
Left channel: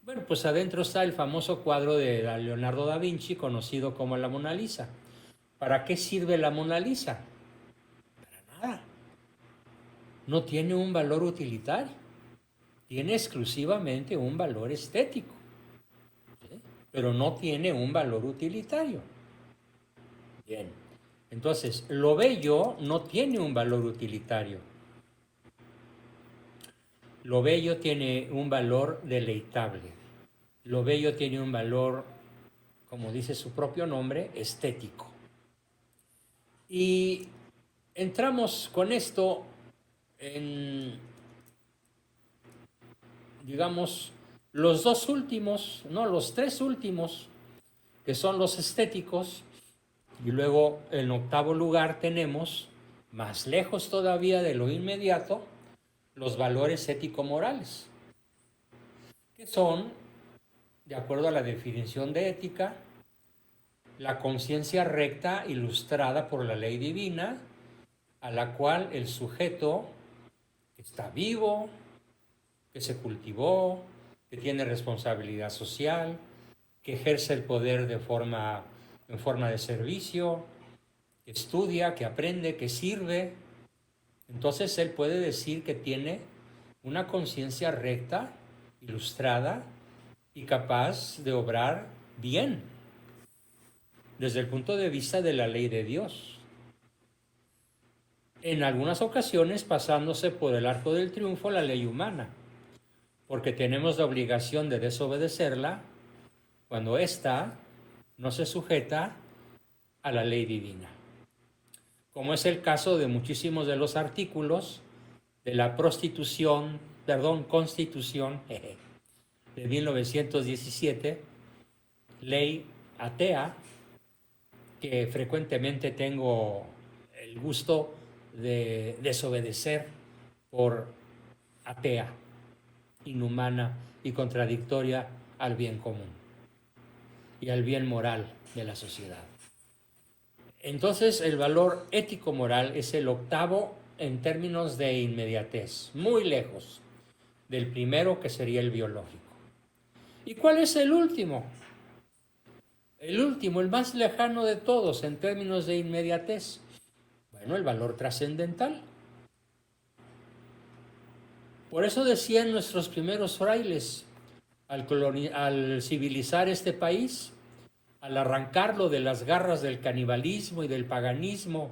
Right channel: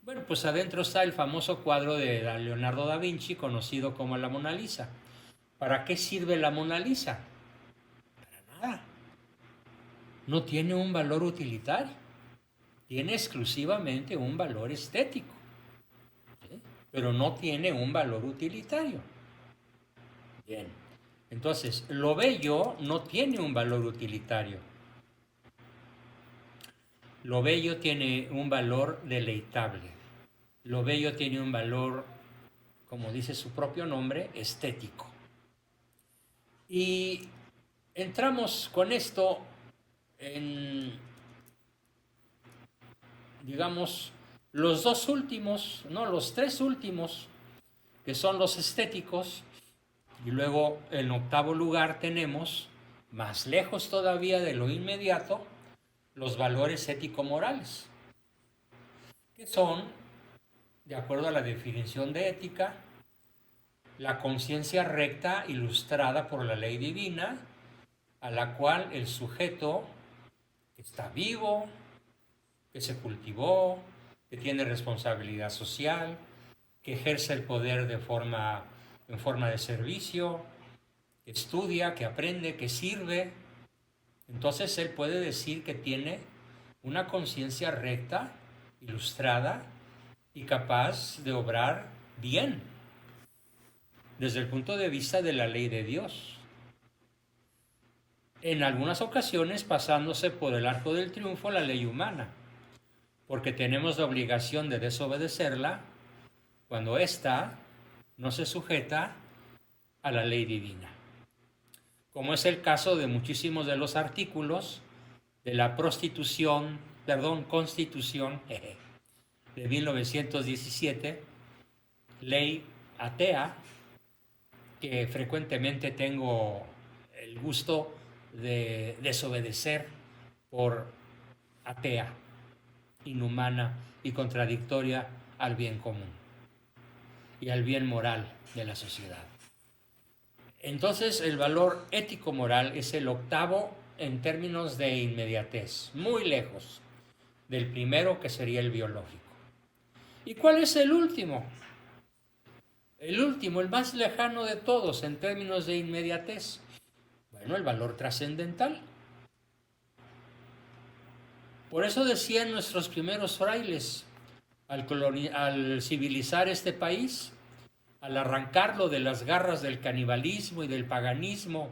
Bueno, pues adentro está el famoso cuadro de Leonardo da Vinci, conocido como la Mona Lisa. ¿Para qué sirve la Mona Lisa? Para nada. No tiene un valor utilitario. Tiene exclusivamente un valor estético, ¿sí? Pero no tiene un valor utilitario. Bien. Entonces, lo bello no tiene un valor utilitario. Lo bello tiene un valor deleitable. Lo bello tiene un valor, como dice su propio nombre, estético. Y entramos con esto en, digamos, los dos últimos, no, los tres últimos, que son los estéticos, y luego en octavo lugar tenemos, más lejos todavía de lo inmediato, los valores ético-morales, que son, de acuerdo a la definición de ética, la conciencia recta ilustrada por la ley divina, a la cual el sujeto está vivo, que se cultivó, que tiene responsabilidad social, que ejerce el poder en forma de servicio, que estudia, que aprende, que sirve. Entonces él puede decir que tiene una conciencia recta, ilustrada y capaz de obrar bien desde el punto de vista de la ley de Dios. En algunas ocasiones pasándose por el arco del triunfo la ley humana, porque tenemos la obligación de desobedecerla cuando ésta no se sujeta a la ley divina, como es el caso de muchísimos de los artículos de la Constitución de 1917, ley atea, que frecuentemente tengo el gusto de desobedecer por atea, inhumana y contradictoria al bien común y al bien moral de la sociedad. Entonces, el valor ético-moral es el octavo en términos de inmediatez, muy lejos del primero, que sería el biológico. ¿Y cuál es el último? El último, el más lejano de todos en términos de inmediatez. Bueno, el valor trascendental. Por eso decían nuestros primeros frailes, al civilizar este país, al arrancarlo de las garras del canibalismo y del paganismo,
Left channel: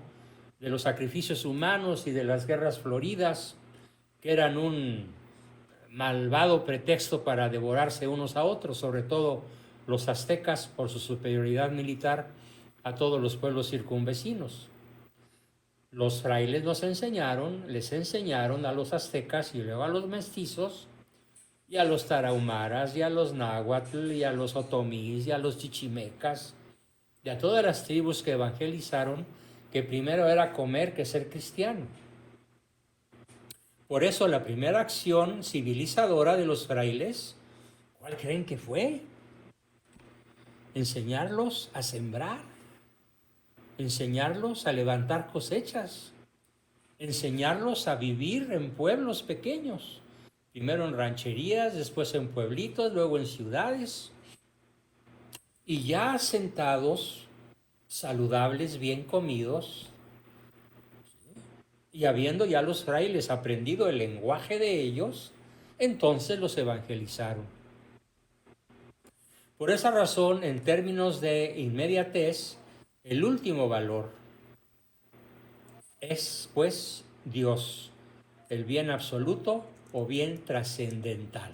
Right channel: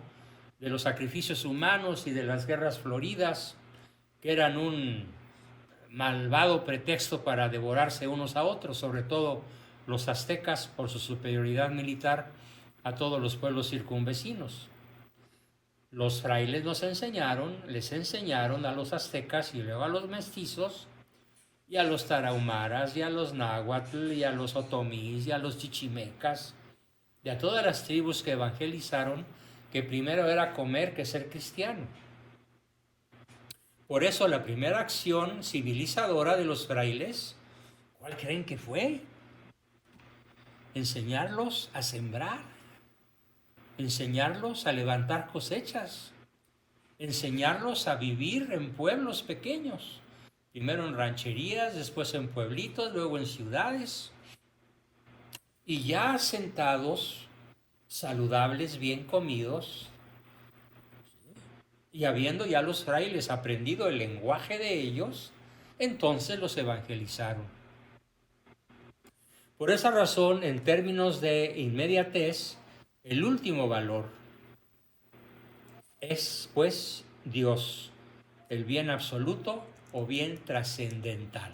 de los sacrificios humanos y de las guerras floridas, que eran un malvado pretexto para devorarse unos a otros, sobre todo los aztecas por su superioridad militar a todos los pueblos circunvecinos. Los frailes les enseñaron a los aztecas y luego a los mestizos y a los tarahumaras y a los náhuatl y a los otomís y a los chichimecas y a todas las tribus que evangelizaron que primero era comer que ser cristiano. Por eso la primera acción civilizadora de los frailes, ¿cuál creen que fue? Enseñarlos a sembrar, enseñarlos a levantar cosechas, enseñarlos a vivir en pueblos pequeños, primero en rancherías, después en pueblitos, luego en ciudades, y ya asentados, saludables, bien comidos, y habiendo ya los frailes aprendido el lenguaje de ellos, entonces los evangelizaron. Por esa razón, en términos de inmediatez, el último valor es, pues, Dios, el bien absoluto o bien trascendental.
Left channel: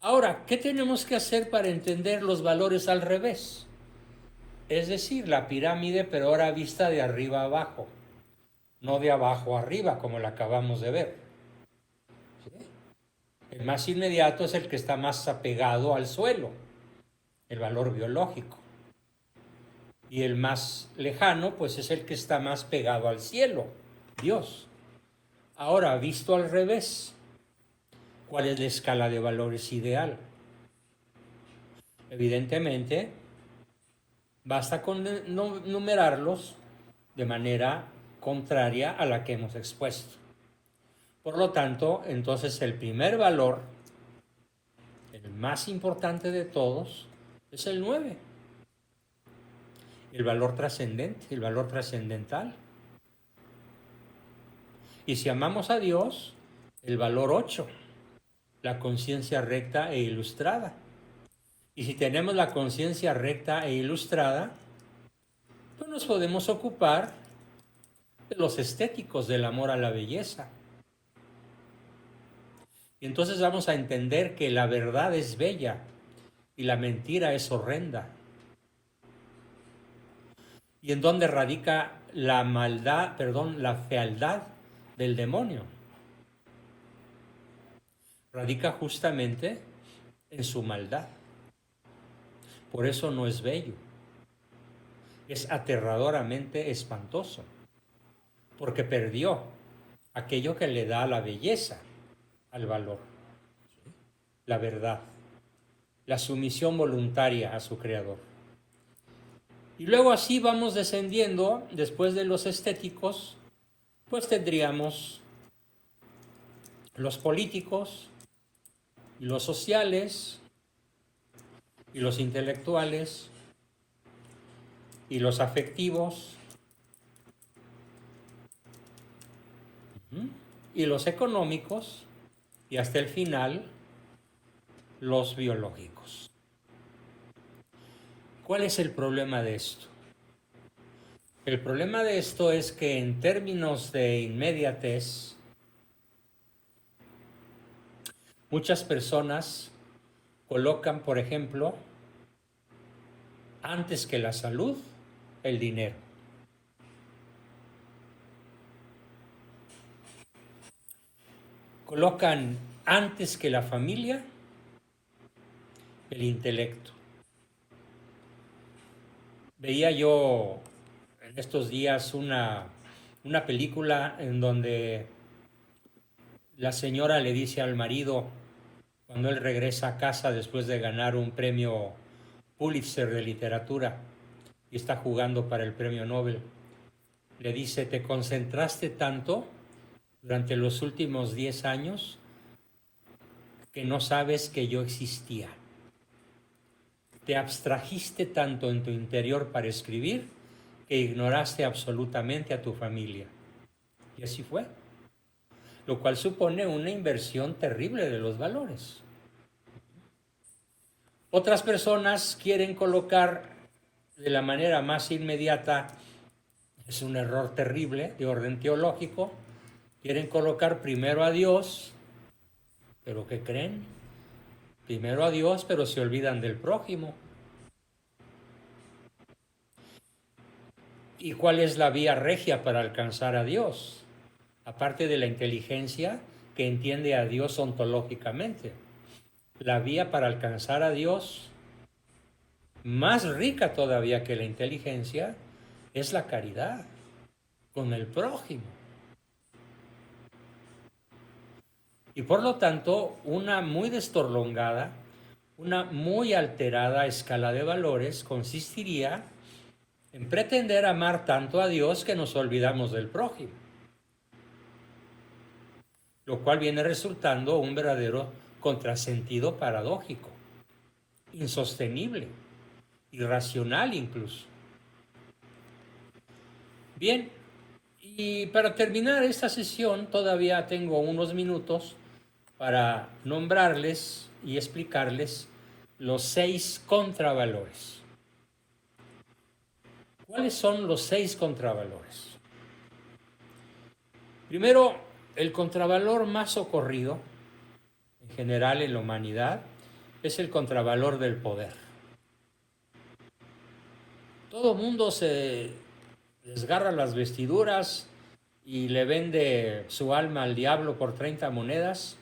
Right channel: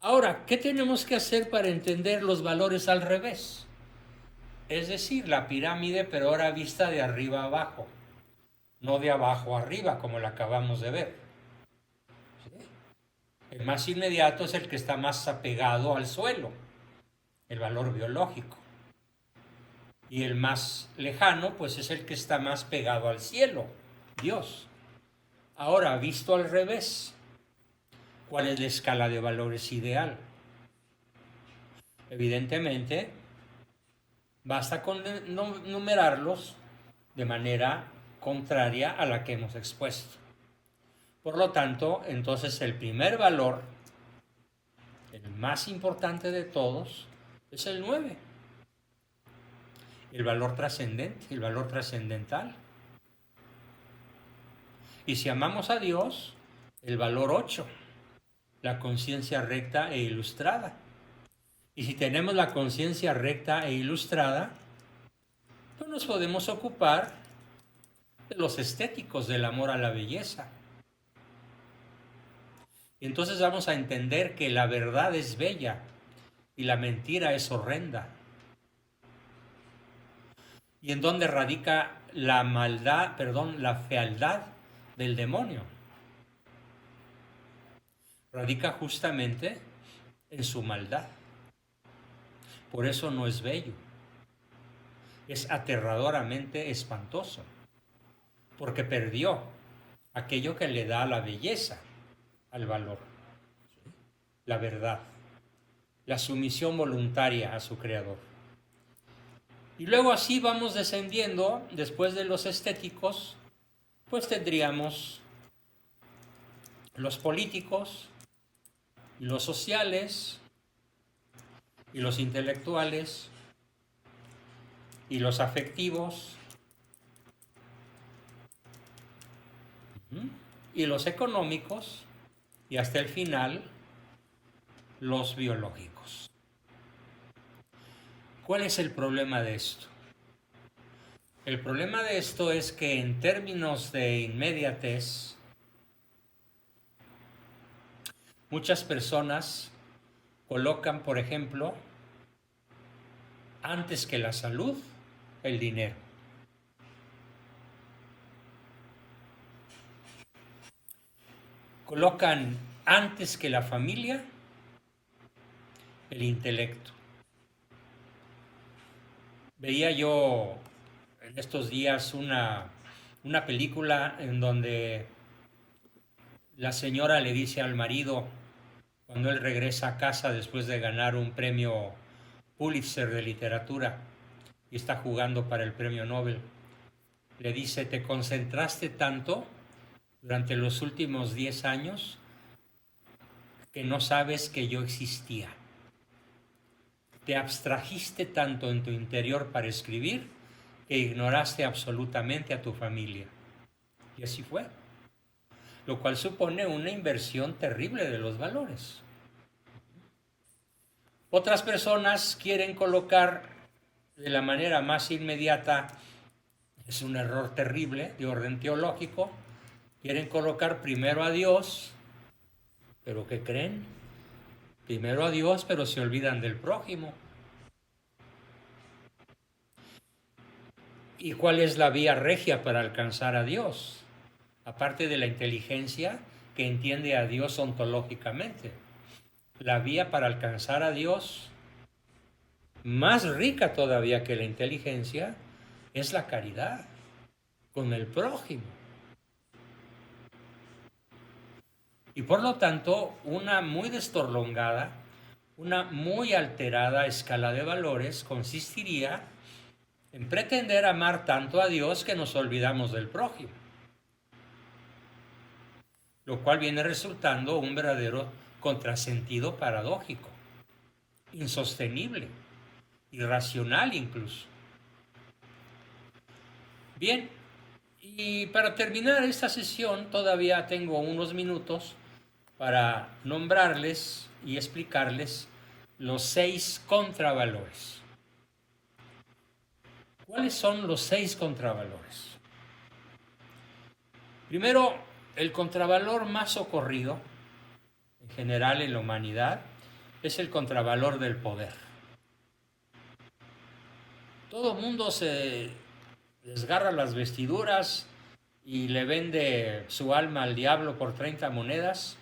Ahora, ¿qué tenemos que hacer para entender los valores al revés? Es decir, la pirámide, pero ahora vista de arriba a abajo, no de abajo a arriba, como la acabamos de ver. ¿Sí? El más inmediato es el que está más apegado al suelo, el valor biológico. Y el más lejano, pues es el que está más pegado al cielo, Dios. Ahora, visto al revés, ¿cuál es la escala de valores ideal? Evidentemente, basta con numerarlos de manera contraria a la que hemos expuesto. Por lo tanto, entonces el primer valor, el más importante de todos, es el 9. El valor trascendente, el valor trascendental. Y si amamos a Dios, el valor 8, la conciencia recta e ilustrada. Y si tenemos la conciencia recta e ilustrada, pues nos podemos ocupar de los estéticos del amor a la belleza. Y entonces vamos a entender que la verdad es bella y la mentira es horrenda. ¿Y en dónde radica la maldad, la fealdad del demonio? Radica justamente en su maldad. Por eso no es bello. Es aterradoramente espantoso. Porque perdió aquello que le da la belleza al valor, la verdad, la sumisión voluntaria a su creador. Y luego así vamos descendiendo, después de los estéticos, pues tendríamos los políticos, y los sociales, y los intelectuales, y los afectivos, y los económicos, y hasta el final, los biológicos. ¿Cuál es el problema de esto? El problema de esto es que en términos de inmediatez, muchas personas colocan, por ejemplo, antes que la salud, el dinero. Colocan antes que la familia, el intelecto. Veía yo en estos días una película en donde la señora le dice al marido, cuando él regresa a casa después de ganar un premio Pulitzer de literatura y está jugando para el premio Nobel, le dice, te concentraste tanto durante los últimos 10 años que no sabes que yo existía. Te abstrajiste tanto en tu interior para escribir que ignoraste absolutamente a tu familia. Y así fue. Lo cual supone una inversión terrible de los valores. Otras personas quieren colocar de la manera más inmediata, es un error terrible de orden teológico, quieren colocar primero a Dios, pero ¿qué creen? Primero a Dios, pero se olvidan del prójimo. ¿Y cuál es la vía regia para alcanzar a Dios? Aparte de la inteligencia que entiende a Dios ontológicamente. La vía para alcanzar a Dios, más rica todavía que la inteligencia, es la caridad con el prójimo. Y por lo tanto, una muy destorlongada, una muy alterada escala de valores consistiría en pretender amar tanto a Dios que nos olvidamos del prójimo, lo cual viene resultando un verdadero contrasentido paradójico, insostenible, irracional incluso. Bien, y para terminar esta sesión todavía tengo unos minutos para nombrarles y explicarles los 6 contravalores. ¿Cuáles son los 6 contravalores? Primero, el contravalor más socorrido, en general en la humanidad, es el contravalor del poder. Todo el mundo se desgarra las vestiduras y le vende su alma al diablo por 30 monedas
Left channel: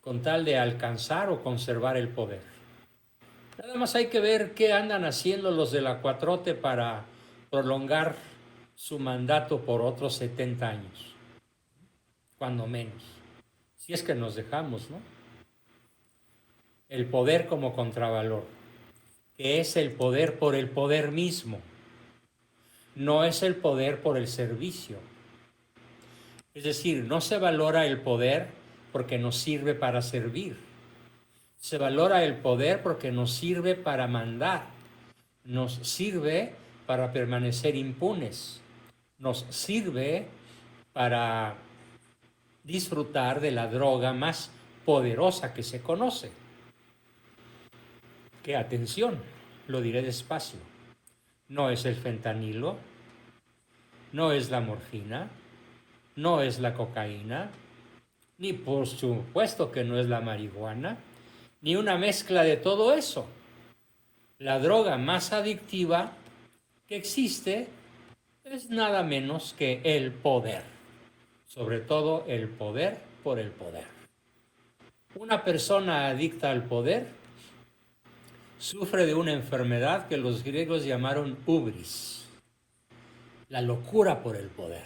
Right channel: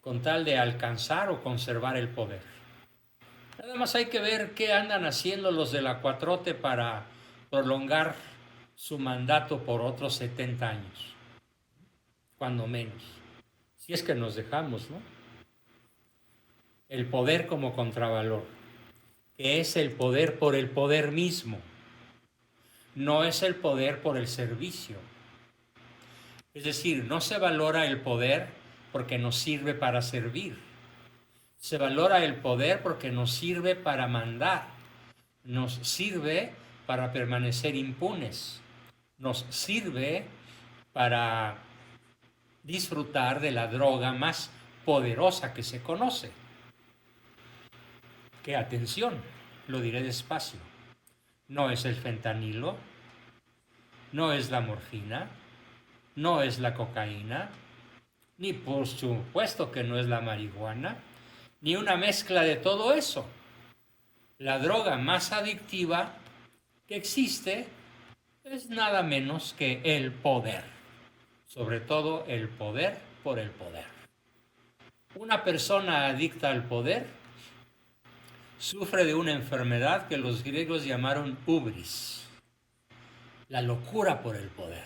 con tal de alcanzar o conservar el poder. Nada más hay que ver qué andan haciendo los de la 4T para prolongar su mandato por otros 70 años, cuando menos. Si es que nos dejamos, ¿no? El poder como contravalor, que es el poder por el poder mismo, no es el poder por el servicio. Es decir, no se valora el poder porque nos sirve para servir. Se valora el poder porque nos sirve para mandar, nos sirve para permanecer impunes, nos sirve para disfrutar de la droga más poderosa que se conoce. Que atención, lo diré despacio, no es el fentanilo, no es la morfina, no es la cocaína, ni por supuesto que no es la marihuana, ni una mezcla de todo eso. La droga más adictiva que existe es nada menos que el poder, sobre todo el poder por el poder. Una persona adicta al poder sufre de una enfermedad que los griegos llamaron hubris, la locura por el poder.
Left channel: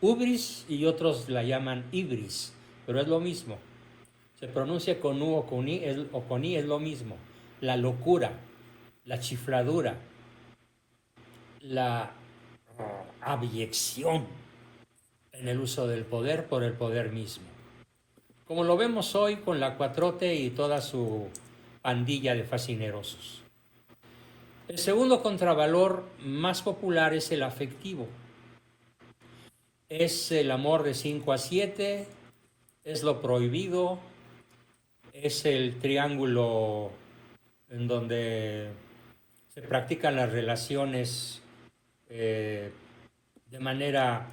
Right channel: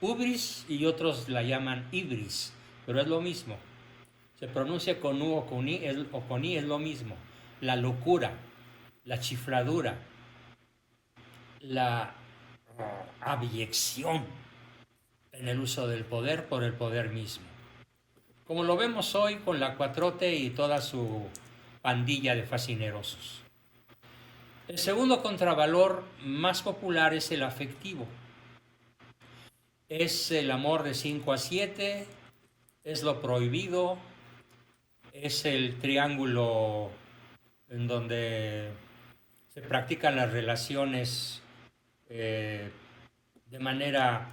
Hubris y otros la llaman ibris, pero es lo mismo. Se pronuncia con U o con I, es lo mismo. La locura, la chifladura, la abyección en el uso del poder por el poder mismo. Como lo vemos hoy con la 4T y toda su pandilla de fascinerosos. El segundo contravalor más popular es el afectivo. Es el amor de 5 a 7, es lo prohibido, es el triángulo en donde se practican las relaciones de manera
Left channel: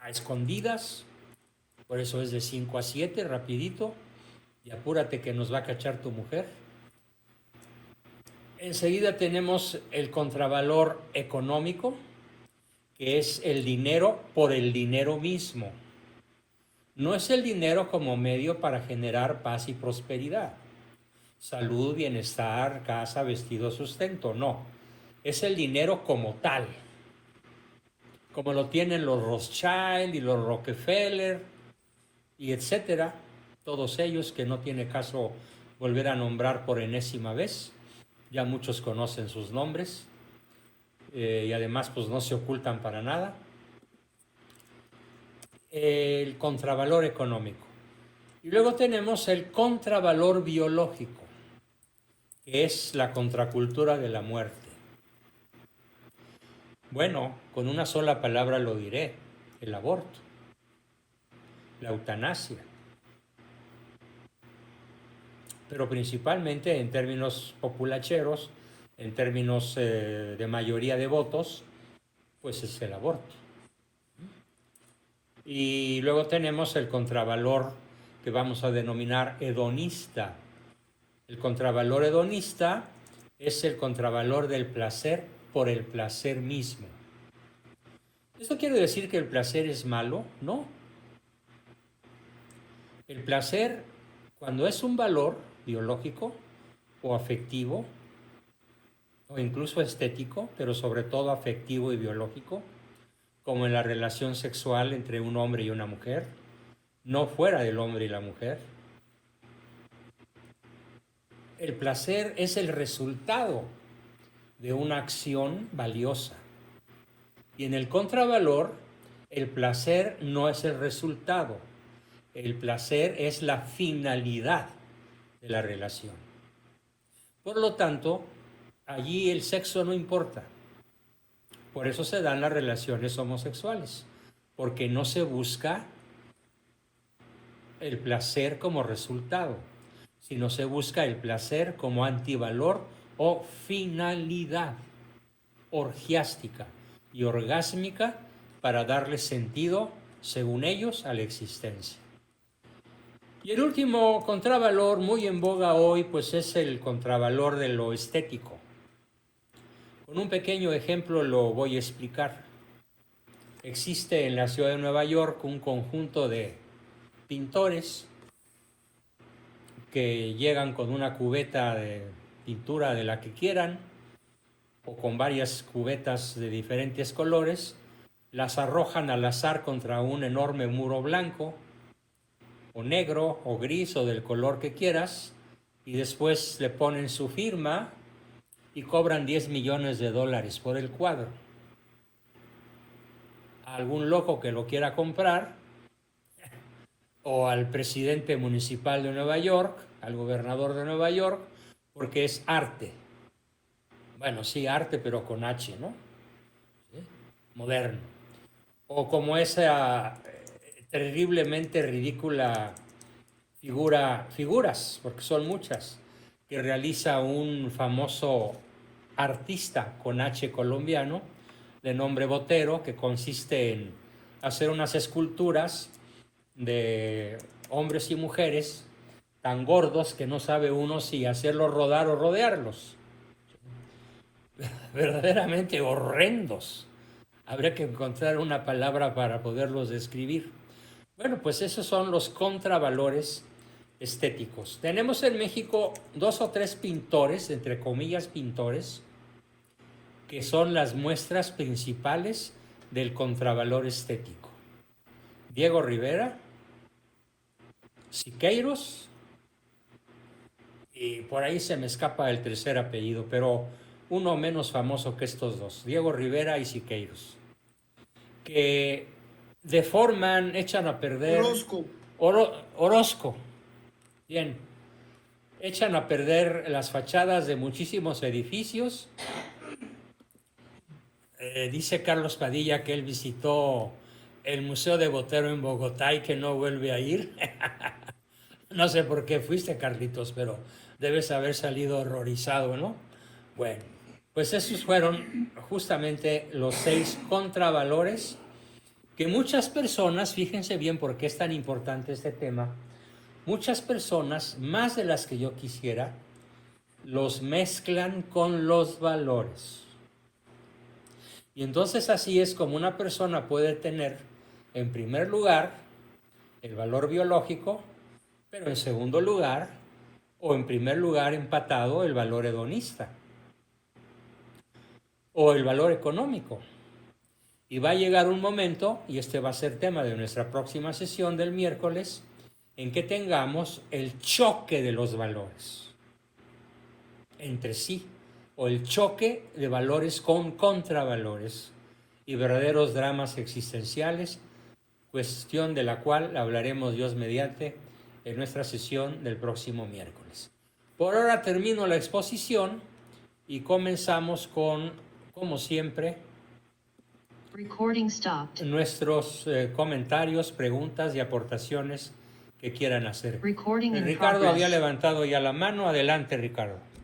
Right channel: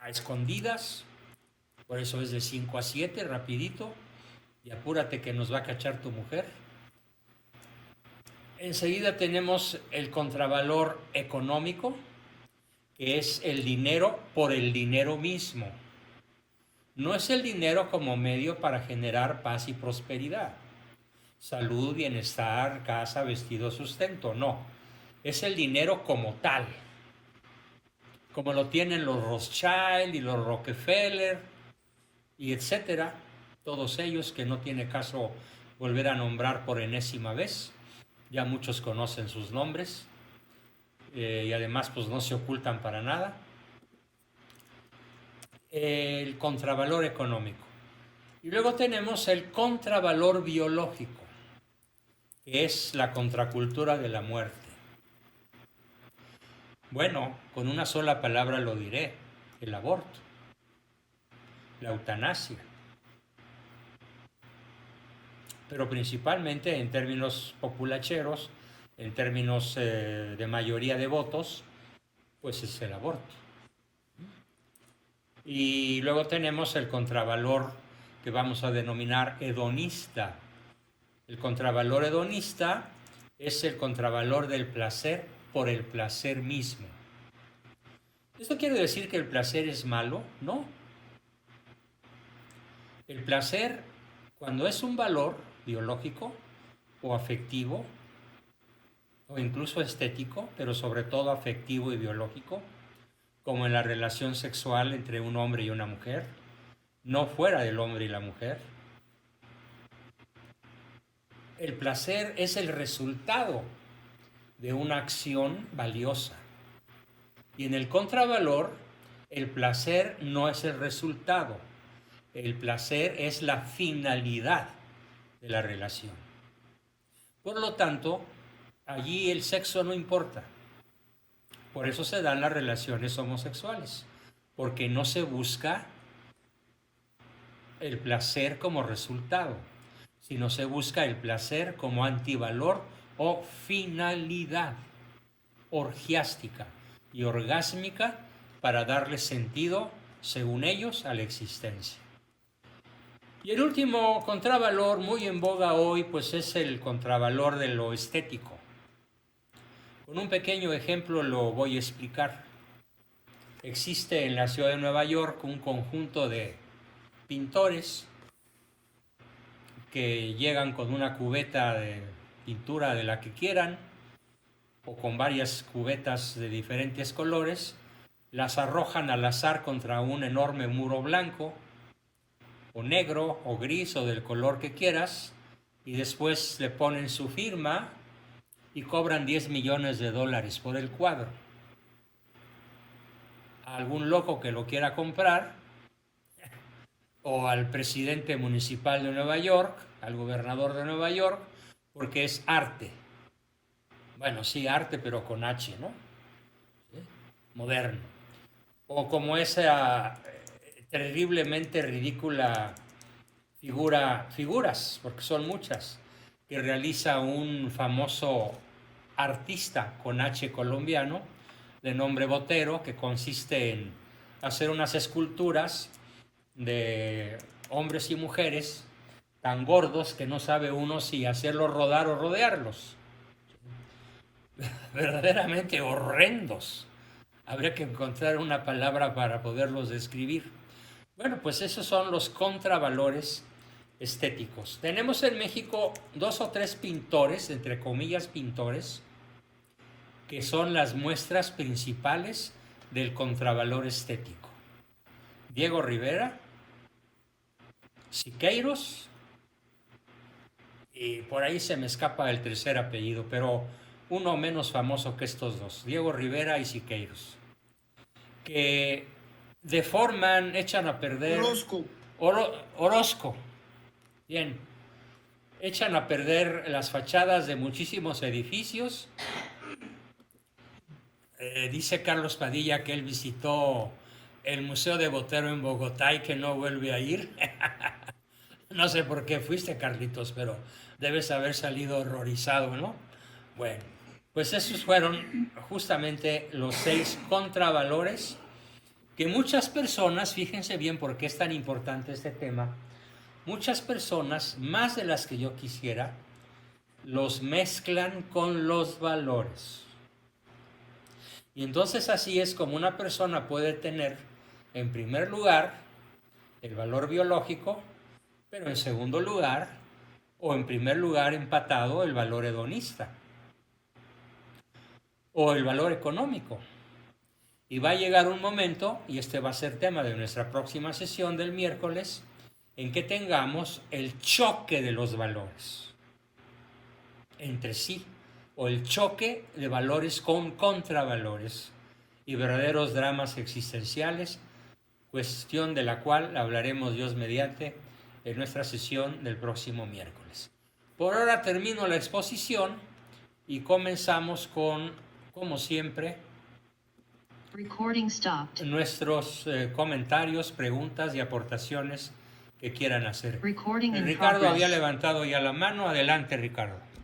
a escondidas, por eso es de 5 a 7, rapidito, y apúrate que nos va a cachar tu mujer. Enseguida tenemos el contravalor económico, que es el dinero por el dinero mismo. No es el dinero como medio para generar paz y prosperidad, salud, bienestar, casa, vestido, sustento, no. Es el dinero como tal, como lo tienen los Rothschild y los Rockefeller y etcétera, todos ellos que no tiene caso volver a nombrar por enésima vez, ya muchos conocen sus nombres y además pues no se ocultan para nada. El contravalor económico. Y luego tenemos el contravalor biológico, que es la contracultura de la muerte. Bueno, con una sola palabra lo diré, el aborto, la eutanasia, pero principalmente en términos populacheros, en términos de mayoría de votos, pues es el aborto. Y luego tenemos el contravalor que vamos a denominar hedonista. El contravalor hedonista es el contravalor del placer por el placer mismo. ¿Esto quiere decir que el placer es malo? No. El placer, cuando es un valor biológico o afectivo, o incluso estético, pero sobre todo afectivo y biológico, como en la relación sexual entre un hombre y una mujer, no fuera del hombre y la mujer. El placer es el resultado de una acción valiosa. Y en el contravalor, el placer no es el resultado. El placer es la finalidad de la relación. Por lo tanto, allí el sexo no importa. Por eso se dan las relaciones homosexuales, porque no se busca el placer como resultado, sino se busca el placer como antivalor o finalidad orgiástica y orgásmica para darle sentido, según ellos, a la existencia. Y el último contravalor muy en boga hoy, pues es el contravalor de lo estético. Con un pequeño ejemplo lo voy a explicar. Existe en la ciudad de Nueva York un conjunto de pintores que llegan con una cubeta de pintura de la que quieran o con varias cubetas de diferentes colores, las arrojan al azar contra un enorme muro blanco o negro o gris o del color que quieras, y después le ponen su firma y cobran $10 millones por el cuadro. A algún loco que lo quiera comprar, o al presidente municipal de Nueva York, al gobernador de Nueva York, porque es arte. Bueno, sí, arte, pero con H, ¿no? ¿Sí? Moderno. O como esa terriblemente ridícula figuras, porque son muchas, que realiza un famoso artista con H colombiano, de nombre Botero, que consiste en hacer unas esculturas de hombres y mujeres tan gordos que no sabe uno si hacerlos rodar o rodearlos. Verdaderamente horrendos. Habría que encontrar una palabra para poderlos describir. Bueno, pues esos son los contravalores estéticos. Tenemos en México 2 o 3 pintores, entre comillas pintores, que son las muestras principales del contravalor estético. Diego Rivera, Siqueiros, y por ahí se me escapa el tercer apellido, pero uno menos famoso que estos dos, Diego Rivera y Siqueiros, que deforman, echan a perder... Orozco. Bien. Echan a perder las fachadas de muchísimos edificios. Dice Carlos Padilla que él visitó el Museo de Botero en Bogotá y que no vuelve a ir. No sé por qué fuiste, Carlitos, pero debes haber salido horrorizado, ¿no? Bueno, pues esos fueron justamente los 6 contravalores que muchas personas, fíjense bien por qué es tan importante este tema, muchas personas, más de las que yo quisiera, los mezclan con los valores. Y entonces así es como una persona puede tener, en primer lugar, el valor biológico, pero en segundo lugar, o en primer lugar empatado, el valor hedonista, o el valor económico. Y va a llegar un momento, y este va a ser tema de nuestra próxima sesión del miércoles, en que tengamos el choque de los valores entre sí, o el choque de valores con contravalores y verdaderos dramas existenciales, cuestión de la cual hablaremos Dios mediante en nuestra sesión del próximo miércoles. Por ahora termino la exposición y comenzamos con, como siempre, nuestros comentarios, preguntas y aportaciones que quieran hacer. Ricardo había levantado ya la mano. Adelante, Ricardo.